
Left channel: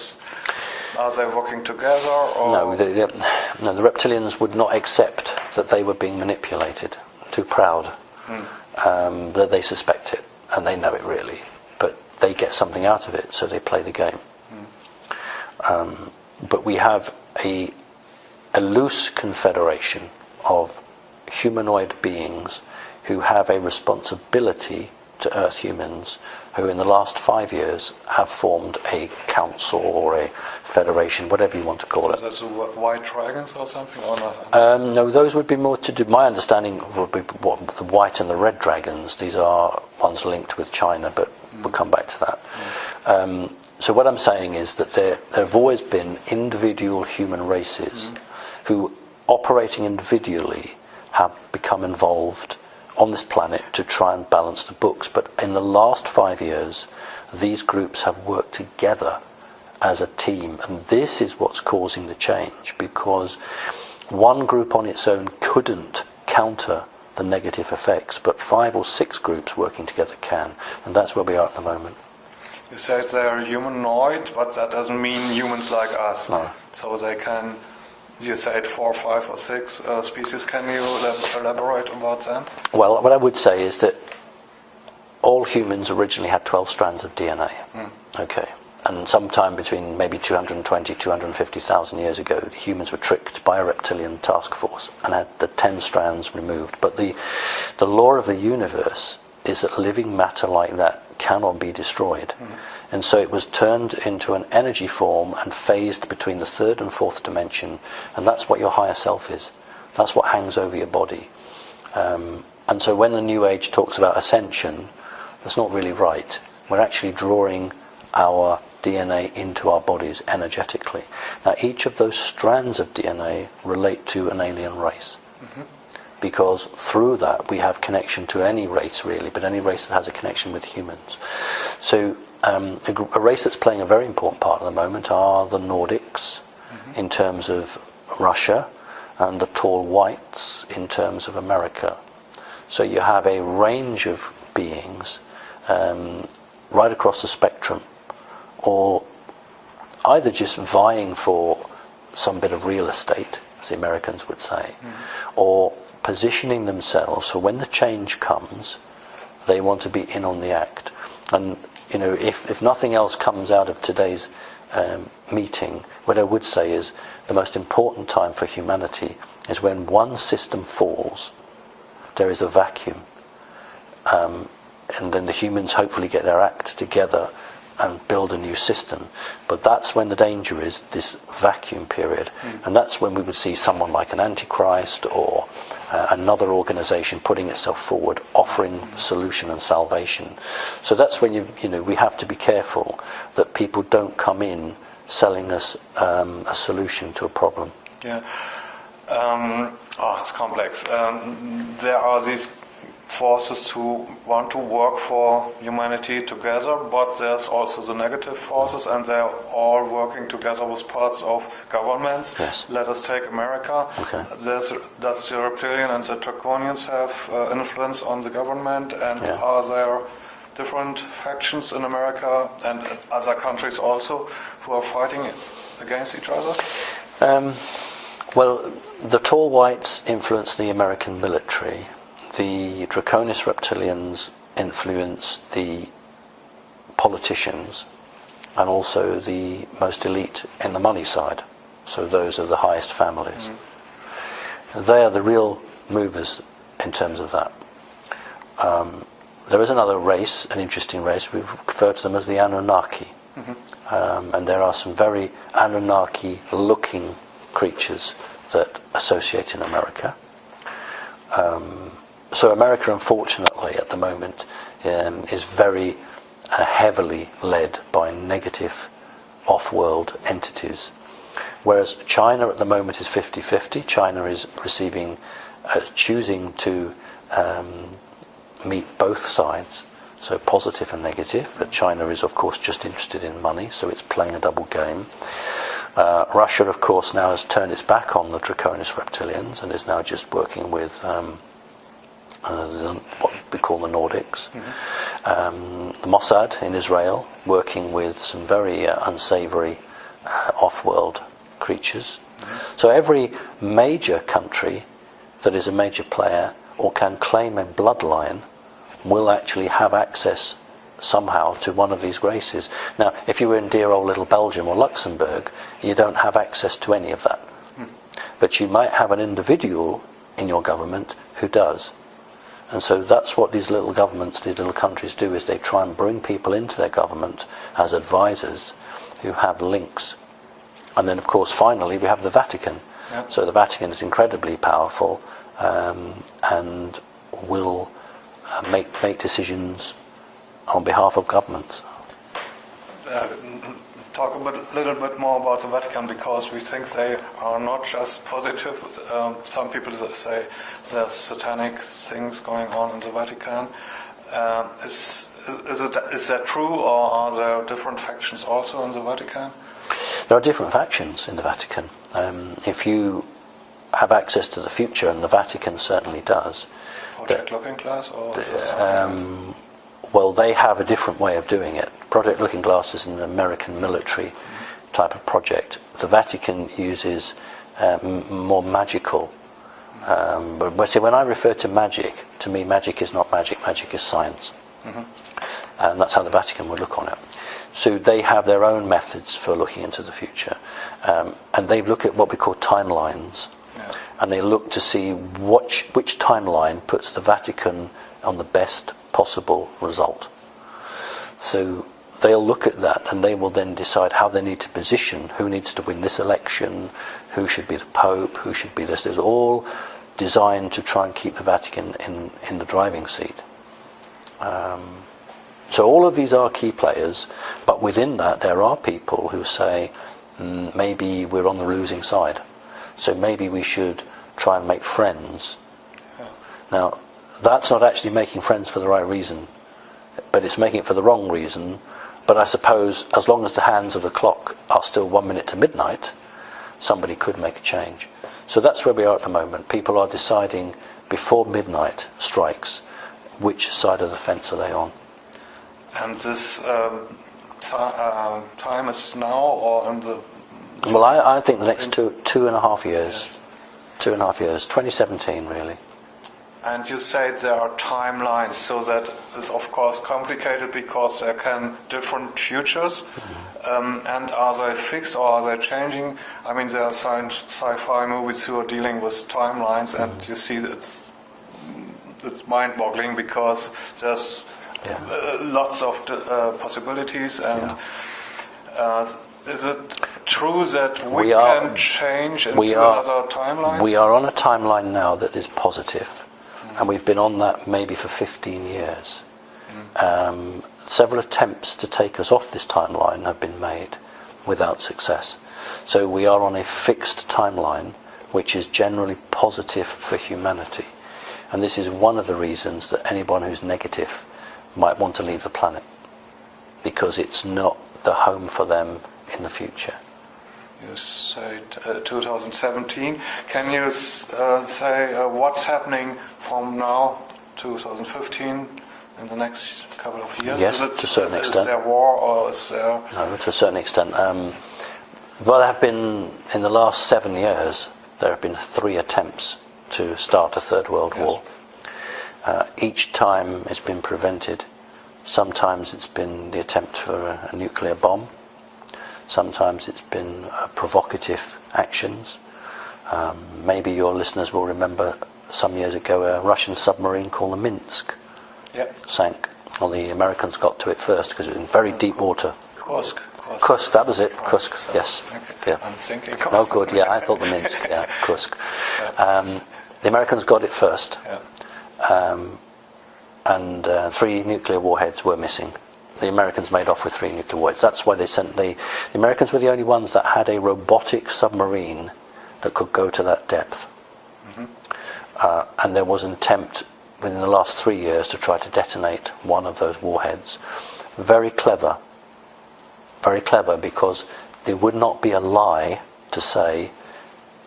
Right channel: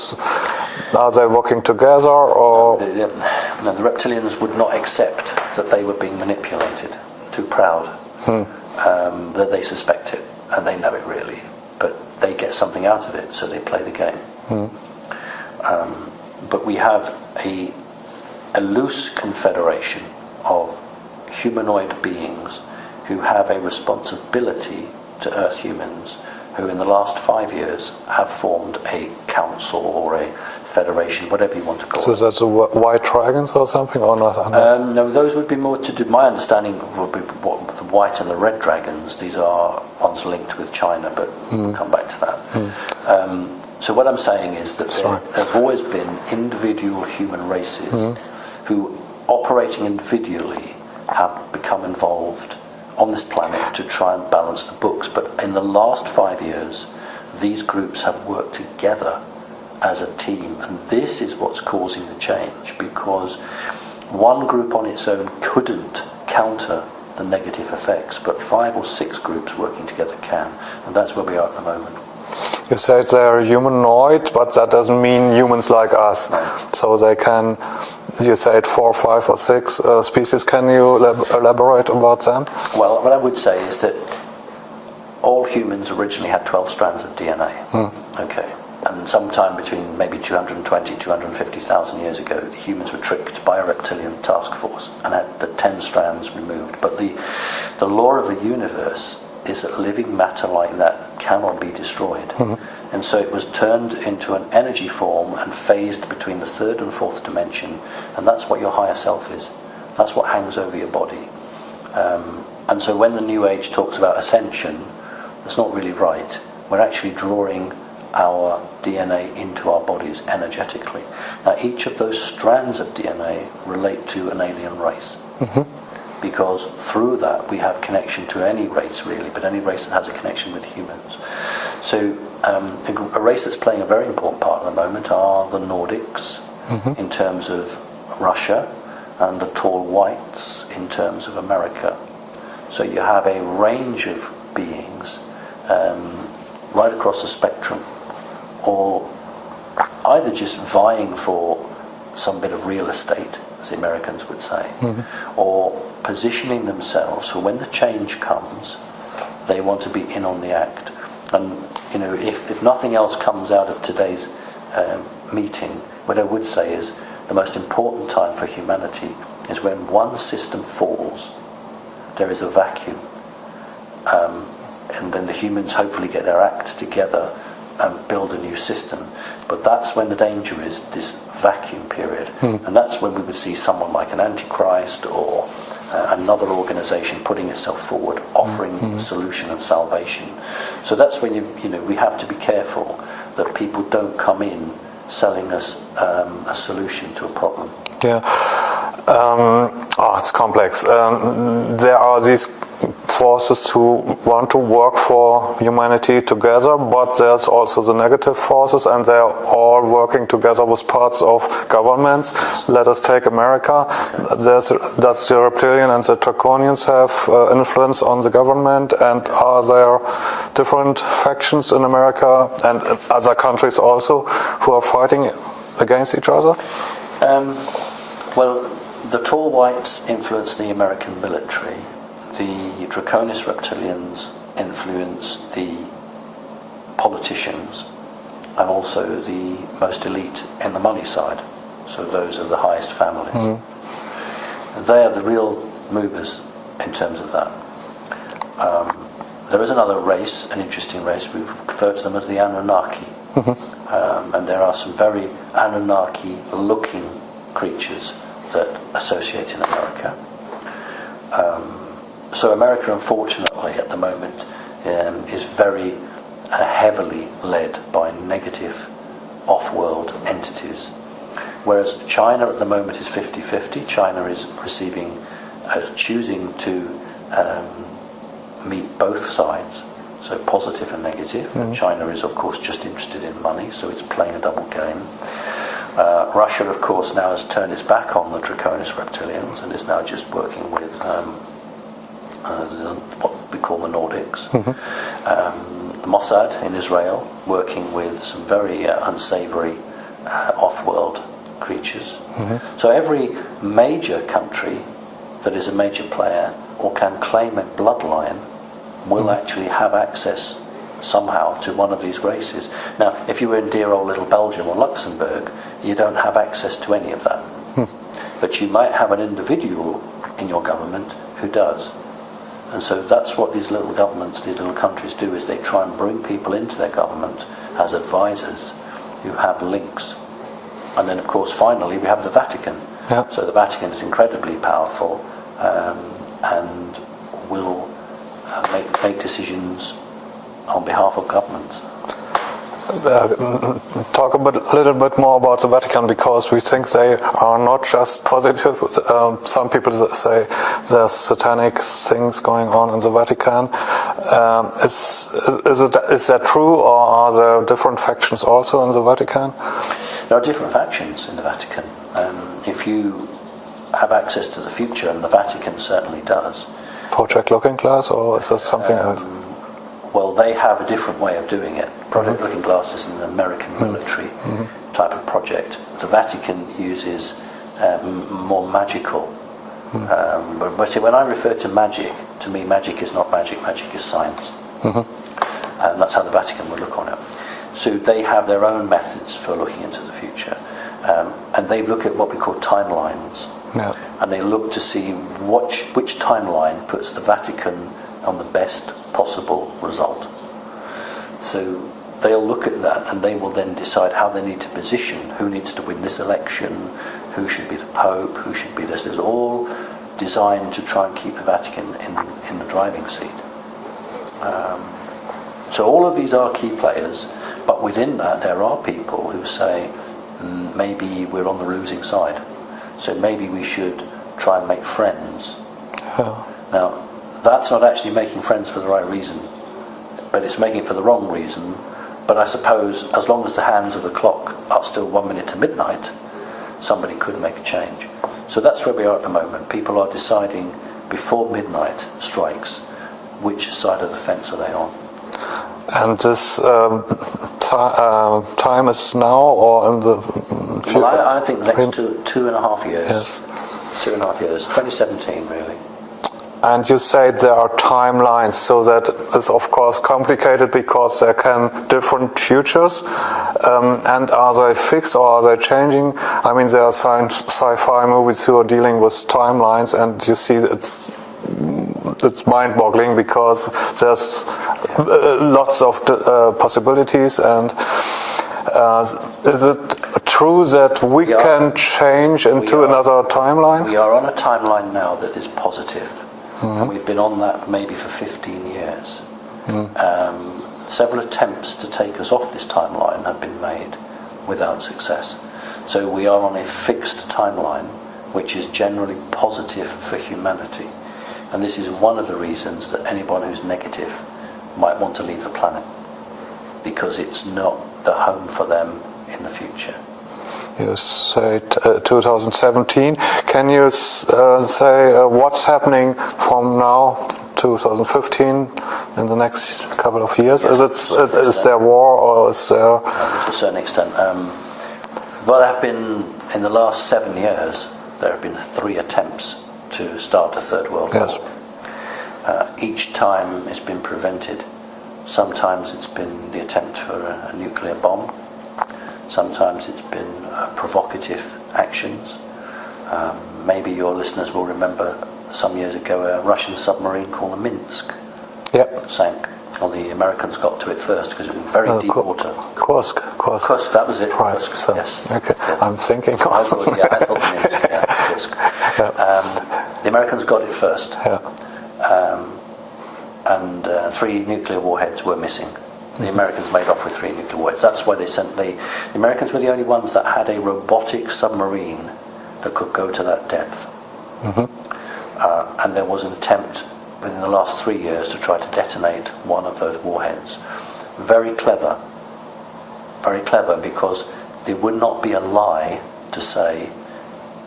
are they working together? Or No, the reptilians would not accept that they were being manipulated. Too proud. That they suspect it, and they know it really, but they get something out of it, so they play the game. But we have a loose confederation of humanoid beings who have a responsibility to Earth humans, who in the last 5 years have formed a council or a federation, whatever you want to call it. So that's the white dragons or something, or not? No, those would be more to do. My understanding would be what the white and the red dragons. These are ones linked with China, but we'll come back to that. So what I'm saying is that there have always been individual human races who, operating individually, have become involved on this planet to try and balance the books. But in the last 5 years, these groups have worked together as a team, and this is what's causing the change, because one group on its own couldn't counter the negative effects, but 5 or 6 groups working together can, and that's where we are at the moment. You said they're humanoid, but that doesn't mean humans like us. No. So they can, you said 4, 5 or 6 species. Can you elaborate about them? Well, what I would say is that all humans originally had 12 strands of DNA. Okay. And sometime between maybe 220, 250,000 years ago, the humans were tricked by a reptilian task force and had the 10 strands removed. But the law of the universe is that living matter like that cannot be destroyed. And so it was turned into an energy form and phased between the 3rd and 4th dimension. And that's what your higher self is. That's what hangs over your body. And so when the New Age talks about ascension, that's not really right. We're actually drawing our DNA into our bodies energetically. Now, each of those strands of DNA relate to an alien race, because through that we have connection to any race really, but any race that has a connection with humans. So a race that's playing a very important part at the moment are the Nordics, in terms of Russia, and the tall whites in terms of America. So you have a range of beings right across the spectrum, or either just vying for some bit of real estate, as the Americans would say, or positioning themselves so when the change comes, they want to be in on the act. And you know, if nothing else comes out of today's meeting, what I would say is the most important time for humanity is when one system falls, there is a vacuum, and then the humans hopefully get their act together and build a new system. But that's when the danger is, this vacuum period. And that's when we would see someone like an Antichrist or another organization putting itself forward, offering solution and salvation. So that's when we have to be careful that people don't come in selling us a solution to a problem. Yeah. It's complex. There are these forces who want to work for humanity together, but there's also the negative forces, and they're all working together with parts of governments. Let us take America. Does the reptilian and the draconians have influence on the government, and are there different factions in America and in other countries also who are fighting against each other? Well, the tall whites influence the American military. The draconis reptilians influence the politicians, and also the most elite in the money side. So those are the highest families. They are the real movers in terms of that. There is another race, an interesting race. We refer to them as the Anunnaki. And there are some very Anunnaki-looking creatures that associate in America. So America, unfortunately, at the moment, is very heavily led by negative off-world entities. Whereas China at the moment is 50-50. China is choosing to meet both sides, so positive and negative. And China is, of course, just interested in money, so it's playing a double game. Russia, of course, now has turned its back on the draconis reptilians and is now just working with what we call the Nordics. the Mossad in Israel, working with some very unsavory off-world creatures. So every major country that is a major player or can claim a bloodline will actually have access somehow to one of these races. Now, if you were in dear old little Belgium or Luxembourg, you don't have access to any of that. But you might have an individual in your government who does. And so that's what these little governments, these little countries do, is they try and bring people into their government as advisors who have links. And then, of course, finally, we have the Vatican. Yeah. So the Vatican is incredibly powerful and will make decisions on behalf of governments. Talk a little bit more about the Vatican, because we think they are not just positive. Some people say there's satanic things going on in the Vatican. Is that true, or are there different factions also in the Vatican? There are different factions in the Vatican. If you have access to the future, and the Vatican certainly does. Project Looking Glass, or is that something else? Well, they have a different way of doing it. Project Looking Glass is an American military type of project. The Vatican uses more magical. But see, when I refer to magic, to me magic is not magic, magic is science. And that's how the Vatican would look on it. So they have their own methods for looking into the future. And they look at what we call timelines. Yeah. And they look to see which timeline puts the Vatican on the best possible result. So they'll look at that, and they will then decide how they need to position, who needs to win this election, who should be the Pope, who should be this. It's all designed to try and keep the Vatican in the driving seat. So all of these are key players, but within that there are people who say, maybe we're on the losing side, so maybe we should try and make friends. Now, that's not actually making friends for the right reason, but it's making it for the wrong reason. But I suppose as long as the hands of the clock are still 1 minute to midnight, somebody could make a change. So that's where we are at the moment. People are deciding before midnight strikes which side of the fence are they on. And this time is now, or in the future? Well, I think the next 2.5 years. Yes. 2.5 years, 2017 really. And you say there are timelines, so that is of course complicated because there can different futures. And are they fixed or are they changing? I mean, there are sci-fi movies who are dealing with timelines, and you see it's mind-boggling because there's lots of possibilities. And is it true that we can change into another timeline? We are on a timeline now that is positive. And we've been on that maybe for 15 years. Several attempts to take us off this timeline have been made without success. So we are on a fixed timeline which is generally positive for humanity. And this is one of the reasons that anyone who's negative might want to leave the planet, because it's not the home for them in the future. You say 2017. Can you say what's happening from now, 2015, in the next couple of years? Yes, is there war, or is there? To a certain extent. Well, there have been, in the last 7 years, there have been 3 attempts to start a Third World War. Each time it's been prevented. Sometimes it's been the attempt for a nuclear bomb. Sometimes it's been provocative actions. Maybe your listeners will remember some years ago a Russian submarine called the Minsk sank. Well, the Americans got to it first because it was in very deep water. Kursk, that was it. Right. Kursk, So, yes. Okay. Yeah. I'm thinking. I thought the Minsk, Kursk. The Americans got it first. And 3 nuclear warheads were missing. The Americans made off with 3 nuclear warheads. That's why they sent the Americans were the only ones that had a robotic submarine that could go to that depth. And there was an attempt within the last 3 years to try to detonate one of those warheads. Very clever, because there would not be a lie to say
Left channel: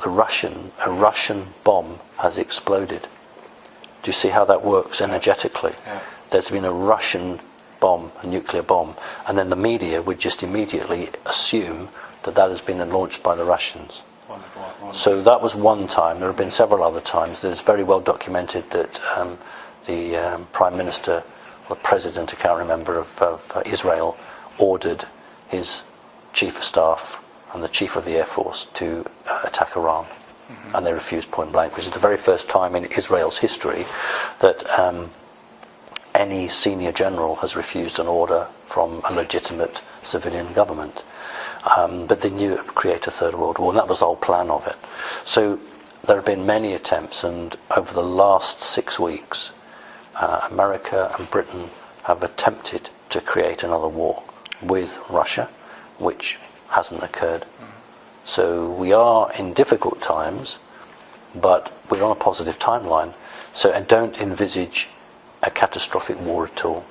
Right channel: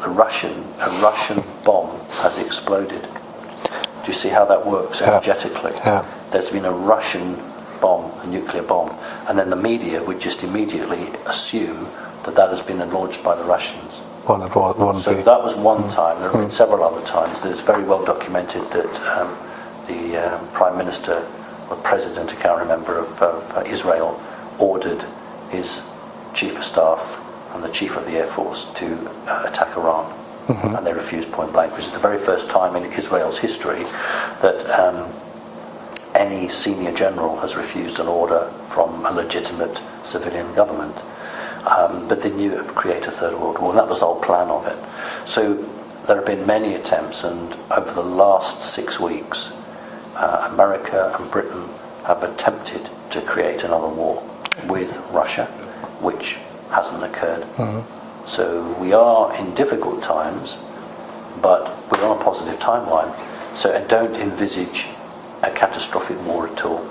a Russian bomb has exploded. Do you see how that works energetically? There's been a Russian bomb, a nuclear bomb, and then the media would just immediately assume that that has been launched by the Russians. Well, it won't So be. that was one time. There have been several other times. It's very well documented that the Prime Minister, the President, I can't remember, of Israel, ordered his Chief of Staff and the Chief of the Air Force to attack Iran. And they refused point blank, which is the very first time in Israel's history that any senior general has refused an order from a legitimate civilian government. But they knew it would create a third world war, and that was the whole plan of it. So there have been many attempts, and over the last 6 weeks, America and Britain have attempted to create another war with Russia, which hasn't occurred. So we are in difficult times, but we're on a positive timeline. So I don't envisage a catastrophic war at all.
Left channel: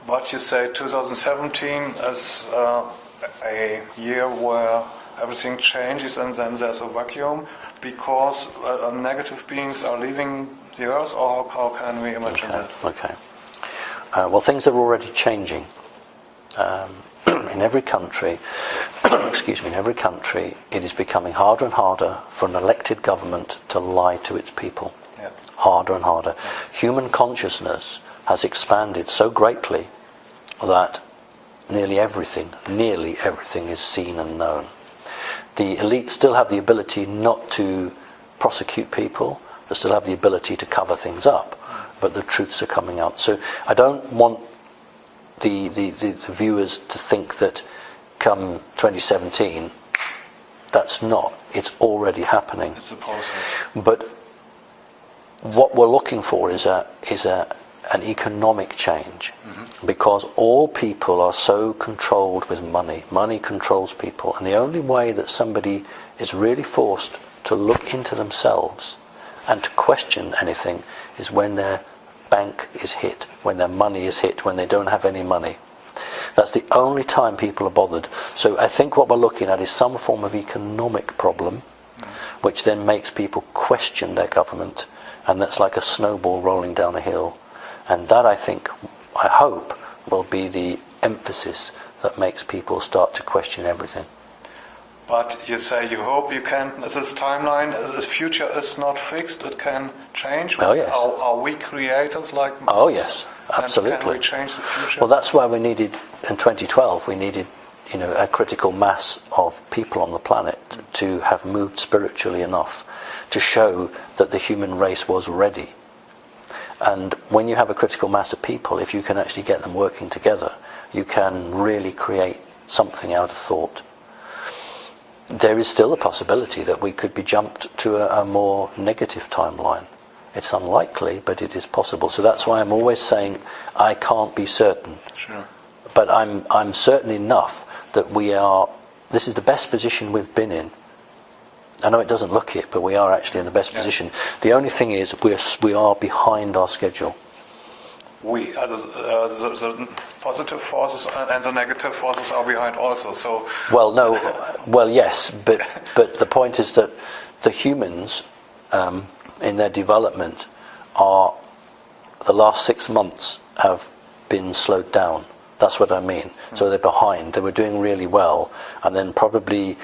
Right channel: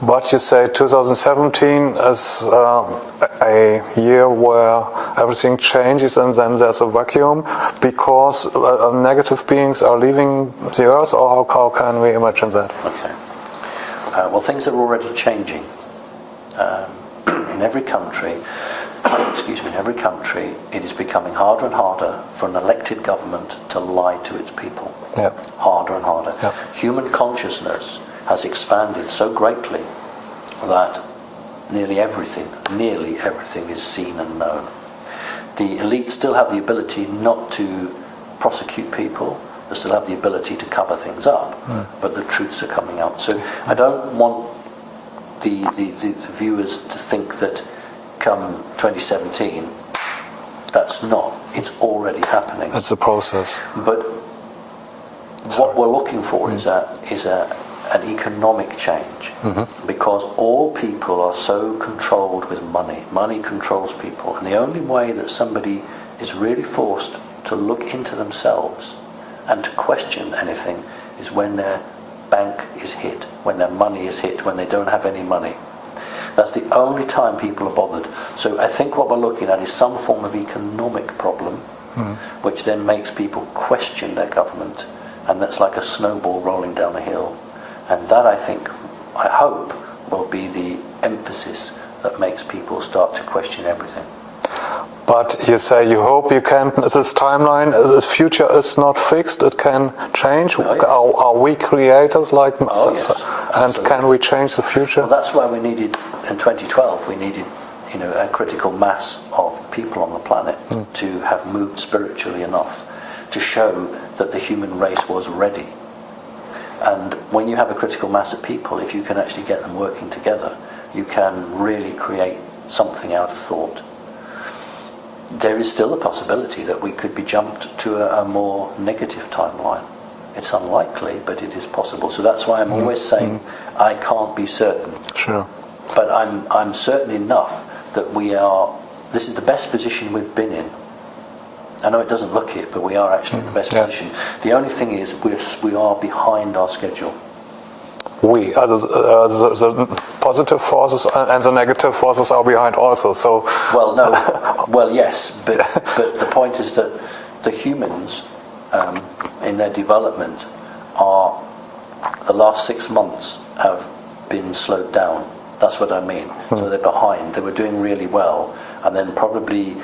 But you say 2017 is a year where everything changes and then there's a vacuum because negative beings are leaving the earth, or how can we imagine that? Okay. Well, things are already changing. In every country, it is becoming harder and harder for an elected government to lie to its people. Yeah. Harder and harder. Yeah. Human consciousness has expanded so greatly that nearly everything is seen and known. The elite still have the ability not to prosecute people, they still have the ability to cover things up, but the truths are coming out. So I don't want the viewers to think that come 2017, that's not. It's already happening. It's a process. But what we're looking for is an economic change, because all people are so controlled with money. Money controls people, and the only way that somebody is really forced to look into themselves and to question anything is when their bank is hit, when their money is hit, when they don't have any money. That's the only time people are bothered. So I think what we're looking at is some form of economic problem, which then makes people question their government, and that's like a snowball rolling down a hill. And that, I hope, will be the emphasis that makes people start to question everything. But you say you hope you can, this timeline, the future is not fixed, it can change. Oh, yes. Are we creators like... Oh, yes, and absolutely. can we change the future? Well, that's why we needed, in 2012, we needed a critical mass of people on the planet to have moved spiritually enough to show that the human race was ready. And when you have a critical mass of people, if you can actually get them working together, you can really create something out of thought. There is still a possibility that we could be jumped to a more negative timeline. It's unlikely, but it is possible. So that's why I'm always saying I can't be certain. Sure. But I'm certain enough that this is the best position we've been in. I know it doesn't look it, but we are actually in the best position. The only thing is we are behind our schedule. The positive forces and the negative forces are behind also. So Yes, but the point is that the humans in their development the last 6 months have been slowed down. That's what I mean. So they're behind. They were doing really well, and then probably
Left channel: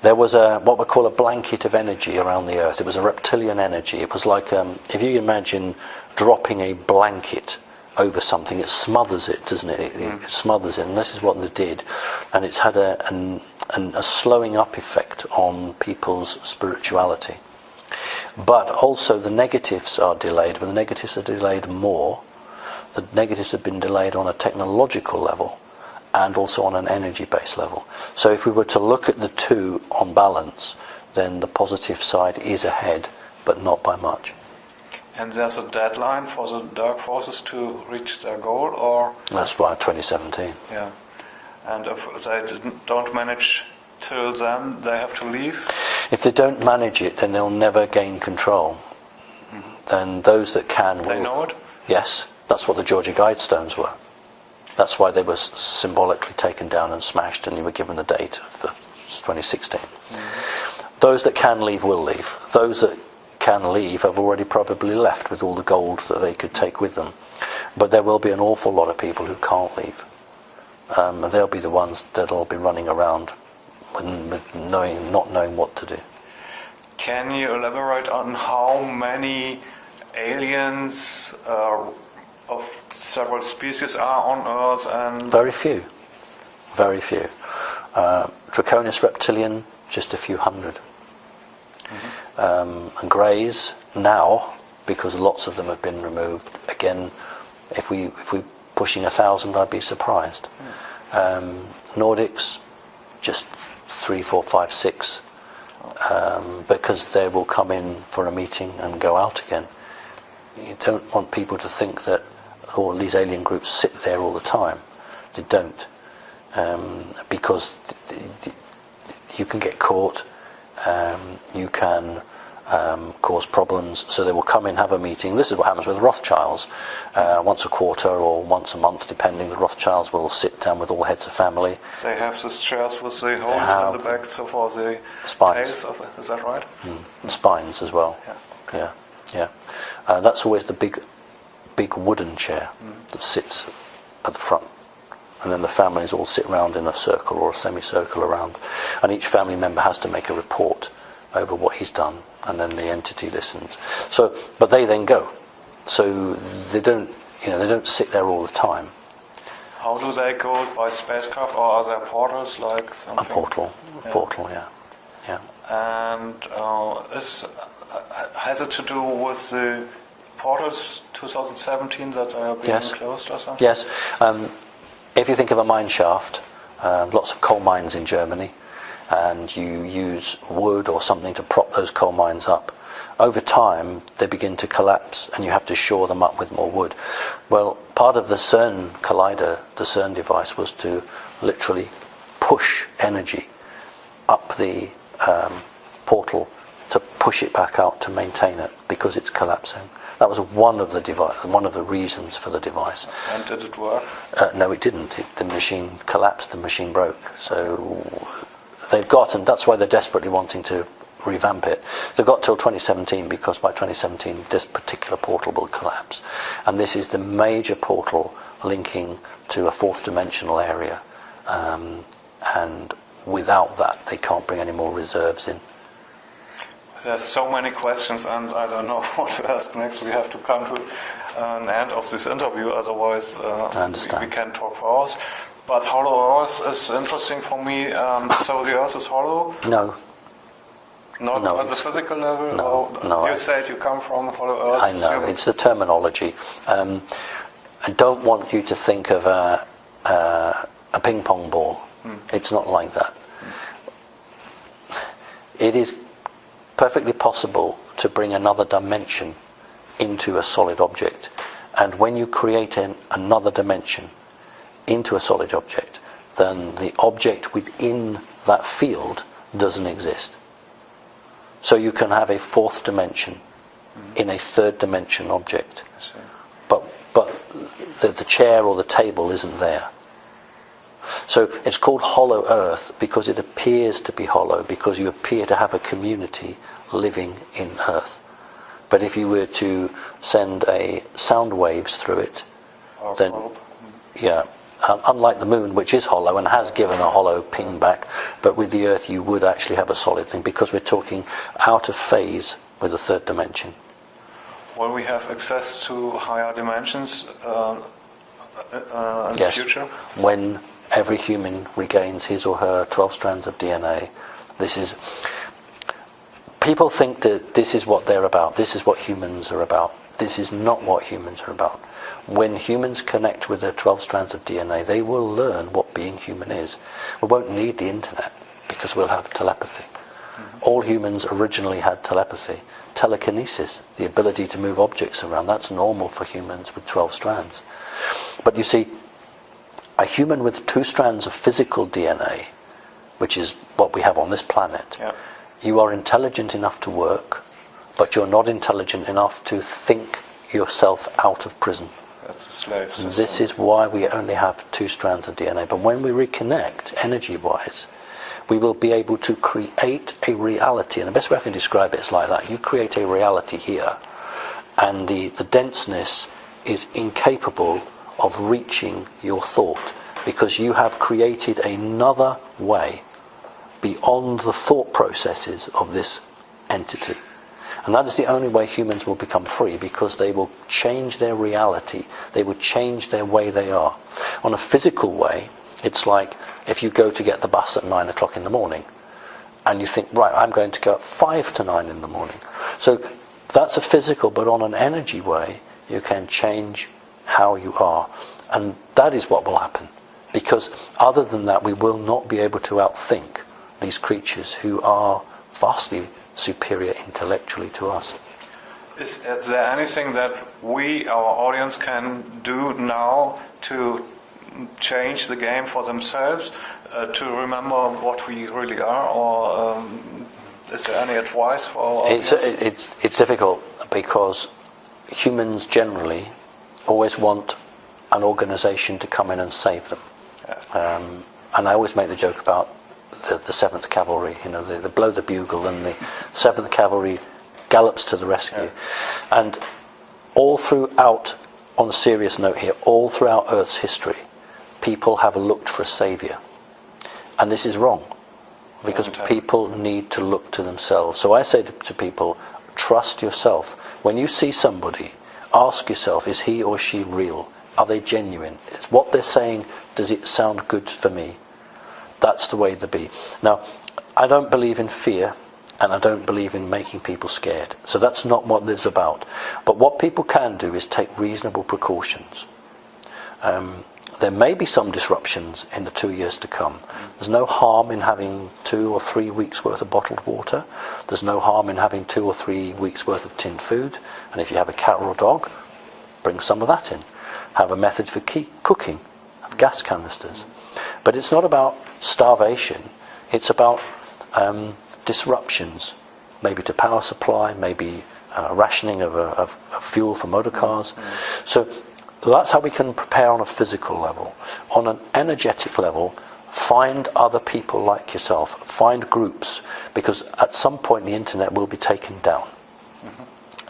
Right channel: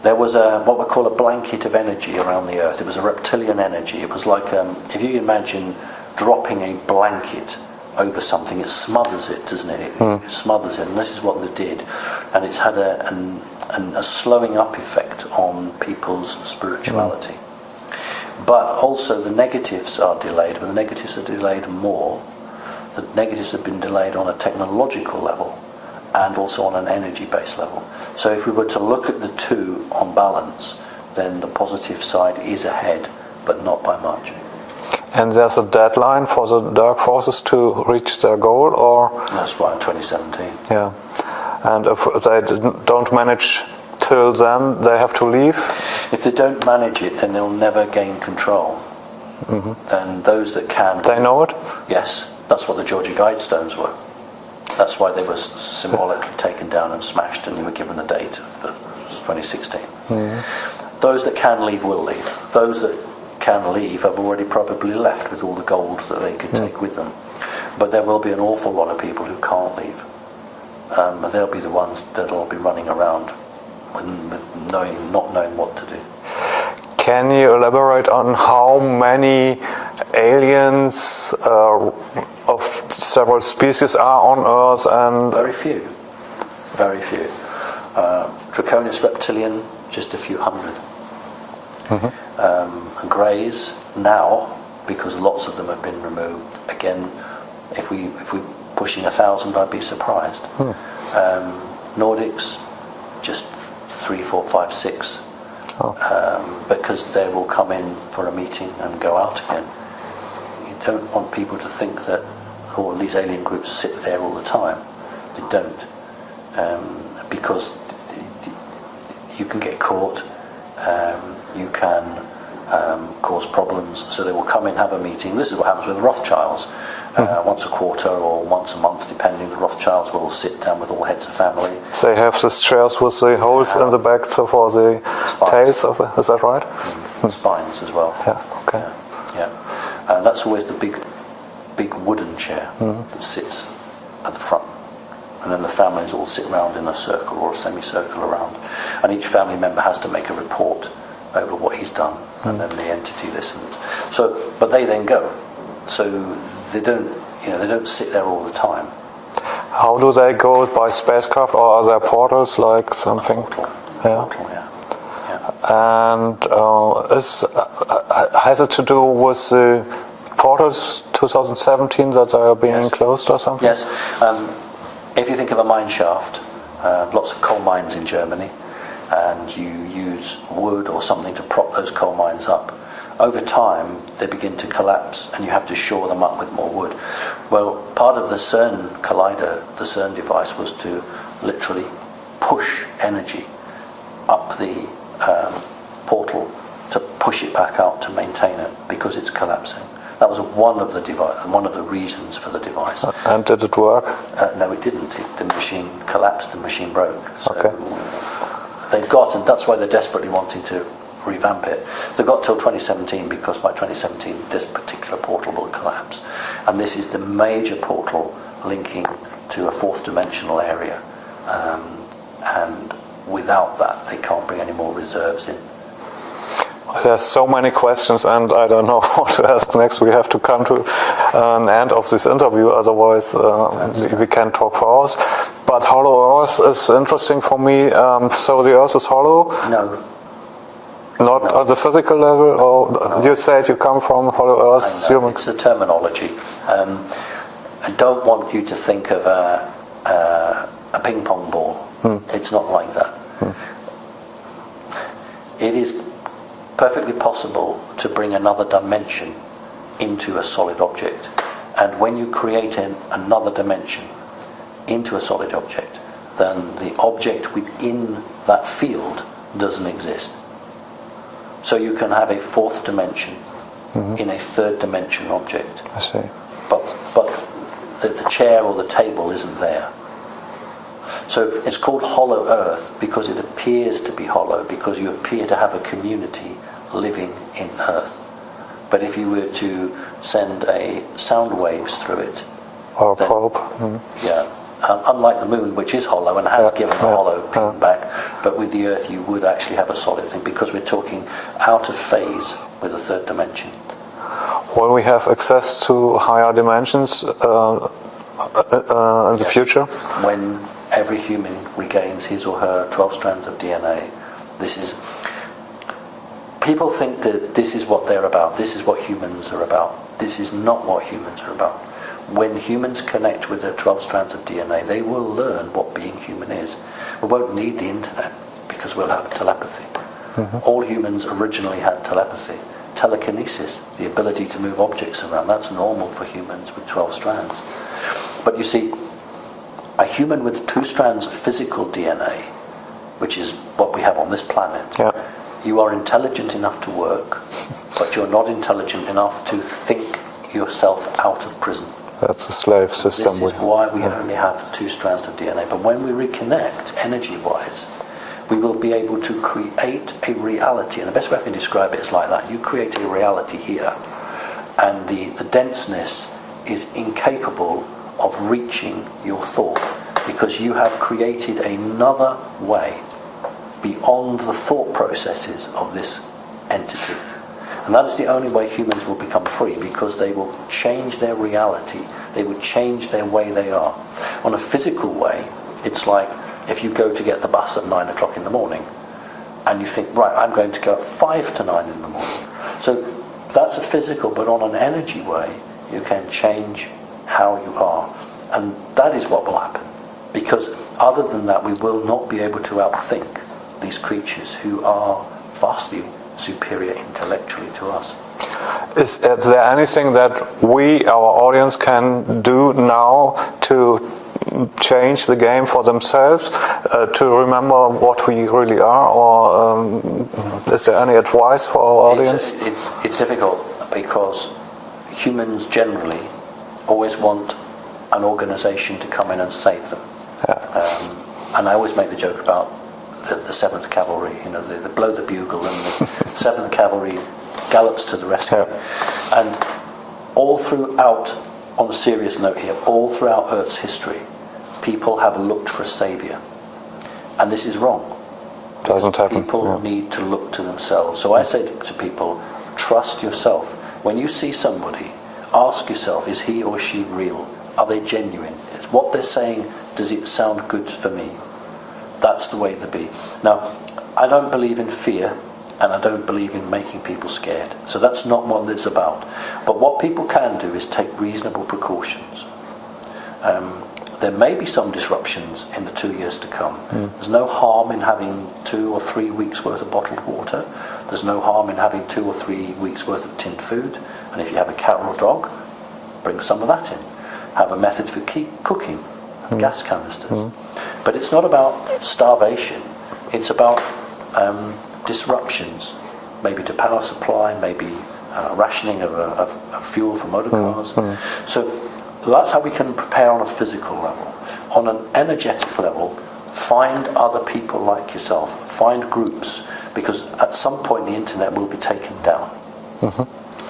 there was what we call a blanket of energy around the Earth. It was a reptilian energy. It was like if you imagine dropping a blanket over something, it smothers it, doesn't it? It smothers it, and this is what they did. And it's had a slowing up effect on people's spirituality. But also the negatives are delayed, but the negatives are delayed more. The negatives have been delayed on a technological level and also on an energy-based level. So if we were to look at the two on balance, then the positive side is ahead, but not by much. And there's a deadline for the dark forces to reach their goal, or? That's right, 2017. Yeah. And if they don't manage till then, they have to leave? If they don't manage it, then they'll never gain control. Then those that can... They know it? Yes. That's what the Georgia Guidestones were. That's why they were symbolically taken down and smashed, and they were given a date of 2016. Those that can leave will leave. Those that can leave have already probably left with all the gold that they could take with them. But there will be an awful lot of people who can't leave. They'll be the ones that'll be running around with not knowing what to do. Can you elaborate on how many aliens of several species are on Earth? And very few. Draconis reptilian, just a few hundred. And greys now, because lots of them have been removed. Again, if we pushing 1,000, I'd be surprised. Nordics, just 3, 4, 5, 6. Because they will come in for a meeting and go out again. You don't want people to think that all these alien groups sit there all the time. They don't, because you can get caught, you can cause problems. So they will come in, have a meeting. This is what happens with the Rothschilds. Once a quarter or once a month, depending, the Rothschilds will sit down with all heads of family. They have these chairs with the holes in the back, so for the tails of the, is that right? Spines as well. Yeah. Okay. Yeah. That's always the big wooden chair that sits at the front, and then the families all sit around in a circle or a semicircle around, and each family member has to make a report over what he's done, and then the entity listens. So, but they then go. So they don't sit there all the time. How do they go, by spacecraft, or are there portals like something? A portal, yeah. And has it to do with the portals 2017 that they are being closed or something? Yes. If you think of a mine shaft, lots of coal mines in Germany, and you use wood or something to prop those coal mines up. Over time, they begin to collapse, and you have to shore them up with more wood. Well, part of the CERN collider, the CERN device, was to literally push energy up the portal to push it back out to maintain it, because it's collapsing. That was one of the reasons for the device. And did it work? No, it didn't. The machine collapsed. The machine broke. So they've got, and that's why they're desperately wanting to revamp it. They've got till 2017, because by 2017 this particular portal will collapse, and this is the major portal linking to a fourth dimensional area, and without that they can't bring any more reserves in. There's so many questions, and I don't know what to ask next. We have to come to an end of this interview, otherwise we can talk for hours. But hollow Earth is interesting for me. So the Earth is hollow? No. Not on the physical level? No, you said you come from hollow Earth? I know, it's the terminology. I don't want you to think of a ping pong ball. It's not like that. It is perfectly possible to bring another dimension into a solid object, and when you create another dimension into a solid object, then the object within that field doesn't exist. So you can have a fourth dimension in a third dimension object. I see. But the chair or the table isn't there. So it's called hollow Earth because it appears to be hollow, because you appear to have a community living in Earth. But if you were to send sound waves through it, or a probe. Unlike the moon, which is hollow and has given a hollow ping back, but with the Earth you would actually have a solid thing, because we're talking out of phase with a third dimension. Will we have access to higher dimensions in the future? When every human regains his or her 12 strands of DNA, people think that this is what they're about, this is what humans are about. This is not what humans are about. When humans connect with their 12 strands of DNA, they will learn what being human is. We won't need the internet, because we'll have telepathy. All humans originally had telepathy. Telekinesis, the ability to move objects around, that's normal for humans with 12 strands. But you see, a human with 2 strands of physical DNA, which is what we have on this planet, you are intelligent enough to work, but you're not intelligent enough to think yourself out of prison. That's a slave system. This is why we only have 2 strands of DNA. But when we reconnect, energy-wise, we will be able to create a reality. And the best way I can describe it is like that. You create a reality here, and the denseness is incapable of reaching your thought, because you have created another way beyond the thought processes of this entity. And that is the only way humans will become free, because they will change their reality, they will change their way they are. On a physical way, it's like if you go to get the bus at 9 o'clock in the morning, and you think, right, I'm going to go at 5 to 9 in the morning. So that's a physical, but on an energy way, you can change how you are. And that is what will happen. Because other than that, we will not be able to outthink these creatures who are vastly superior intellectually to us. Is there anything that we, our audience, can do now to change the game for themselves, to remember what we really are, or is there any advice for our audience? It's difficult, because humans generally always want an organisation to come in and save them. Yeah. And I always make the joke about the 7th Cavalry. You know, they blow the bugle and the 7th Cavalry gallops to the rescue. Yeah. And all throughout, on a serious note here, all throughout Earth's history, people have looked for a saviour. And this is wrong. Because people need to look to themselves. So I say to people, trust yourself. When you see somebody, ask yourself, is he or she real? Are they genuine? Is what they're saying, does it sound good for me? That's the way to be. Now, I don't believe in fear, and I don't believe in making people scared. So that's not what this is about. But what people can do is take reasonable precautions. There may be some disruptions in the 2 years to come. There's no harm in having 2 or 3 weeks worth of bottled water. There's no harm in having 2 or 3 weeks worth of tinned food. And if you have a cat or a dog, bring some of that in. Have a method for cooking, gas canisters. But it's not about starvation. It's about disruptions, maybe to power supply, maybe rationing of fuel for motor cars. So that's how we can prepare on a physical level. On an energetic level, find other people like yourself, find groups, because at some point the internet will be taken down.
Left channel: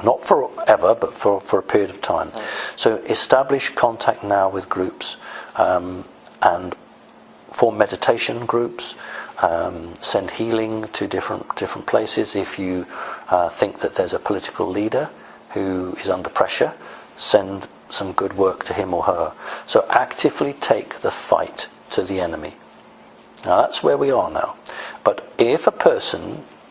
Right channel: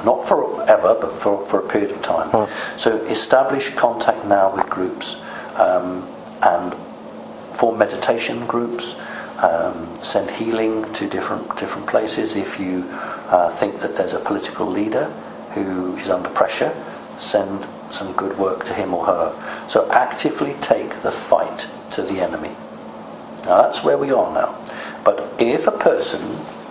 Not forever, but for a period of time. So establish contact now with groups, and form meditation groups, send healing to different places. If you think that there's a political leader who is under pressure, send some good work to him or her. So actively take the fight to the enemy. Now that's where we are now. But if a person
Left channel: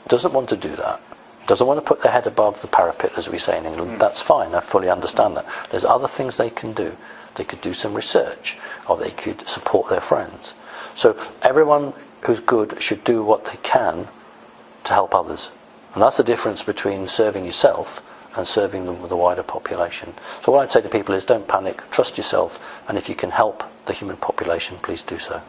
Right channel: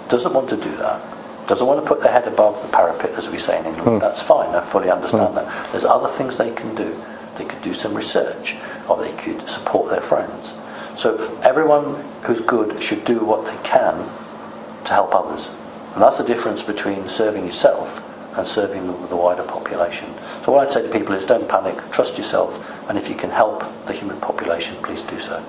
doesn't want to do that, doesn't want to put their head above the parapet, as we say in England, that's fine, I fully understand that. There's other things they can do. They could do some research, or they could support their friends. So everyone who's good should do what they can to help others. And that's the difference between serving yourself and serving the wider population. So what I'd say to people is, don't panic, trust yourself, and if you can help the human population, please do so.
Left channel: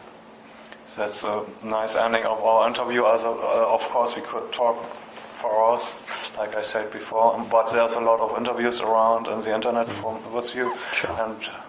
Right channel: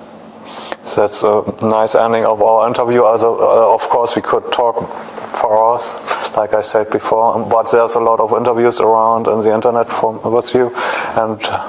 That's a nice ending of our interview. Of course, we could talk for hours, like I said before, but there's a lot of interviews around on the internet with you, and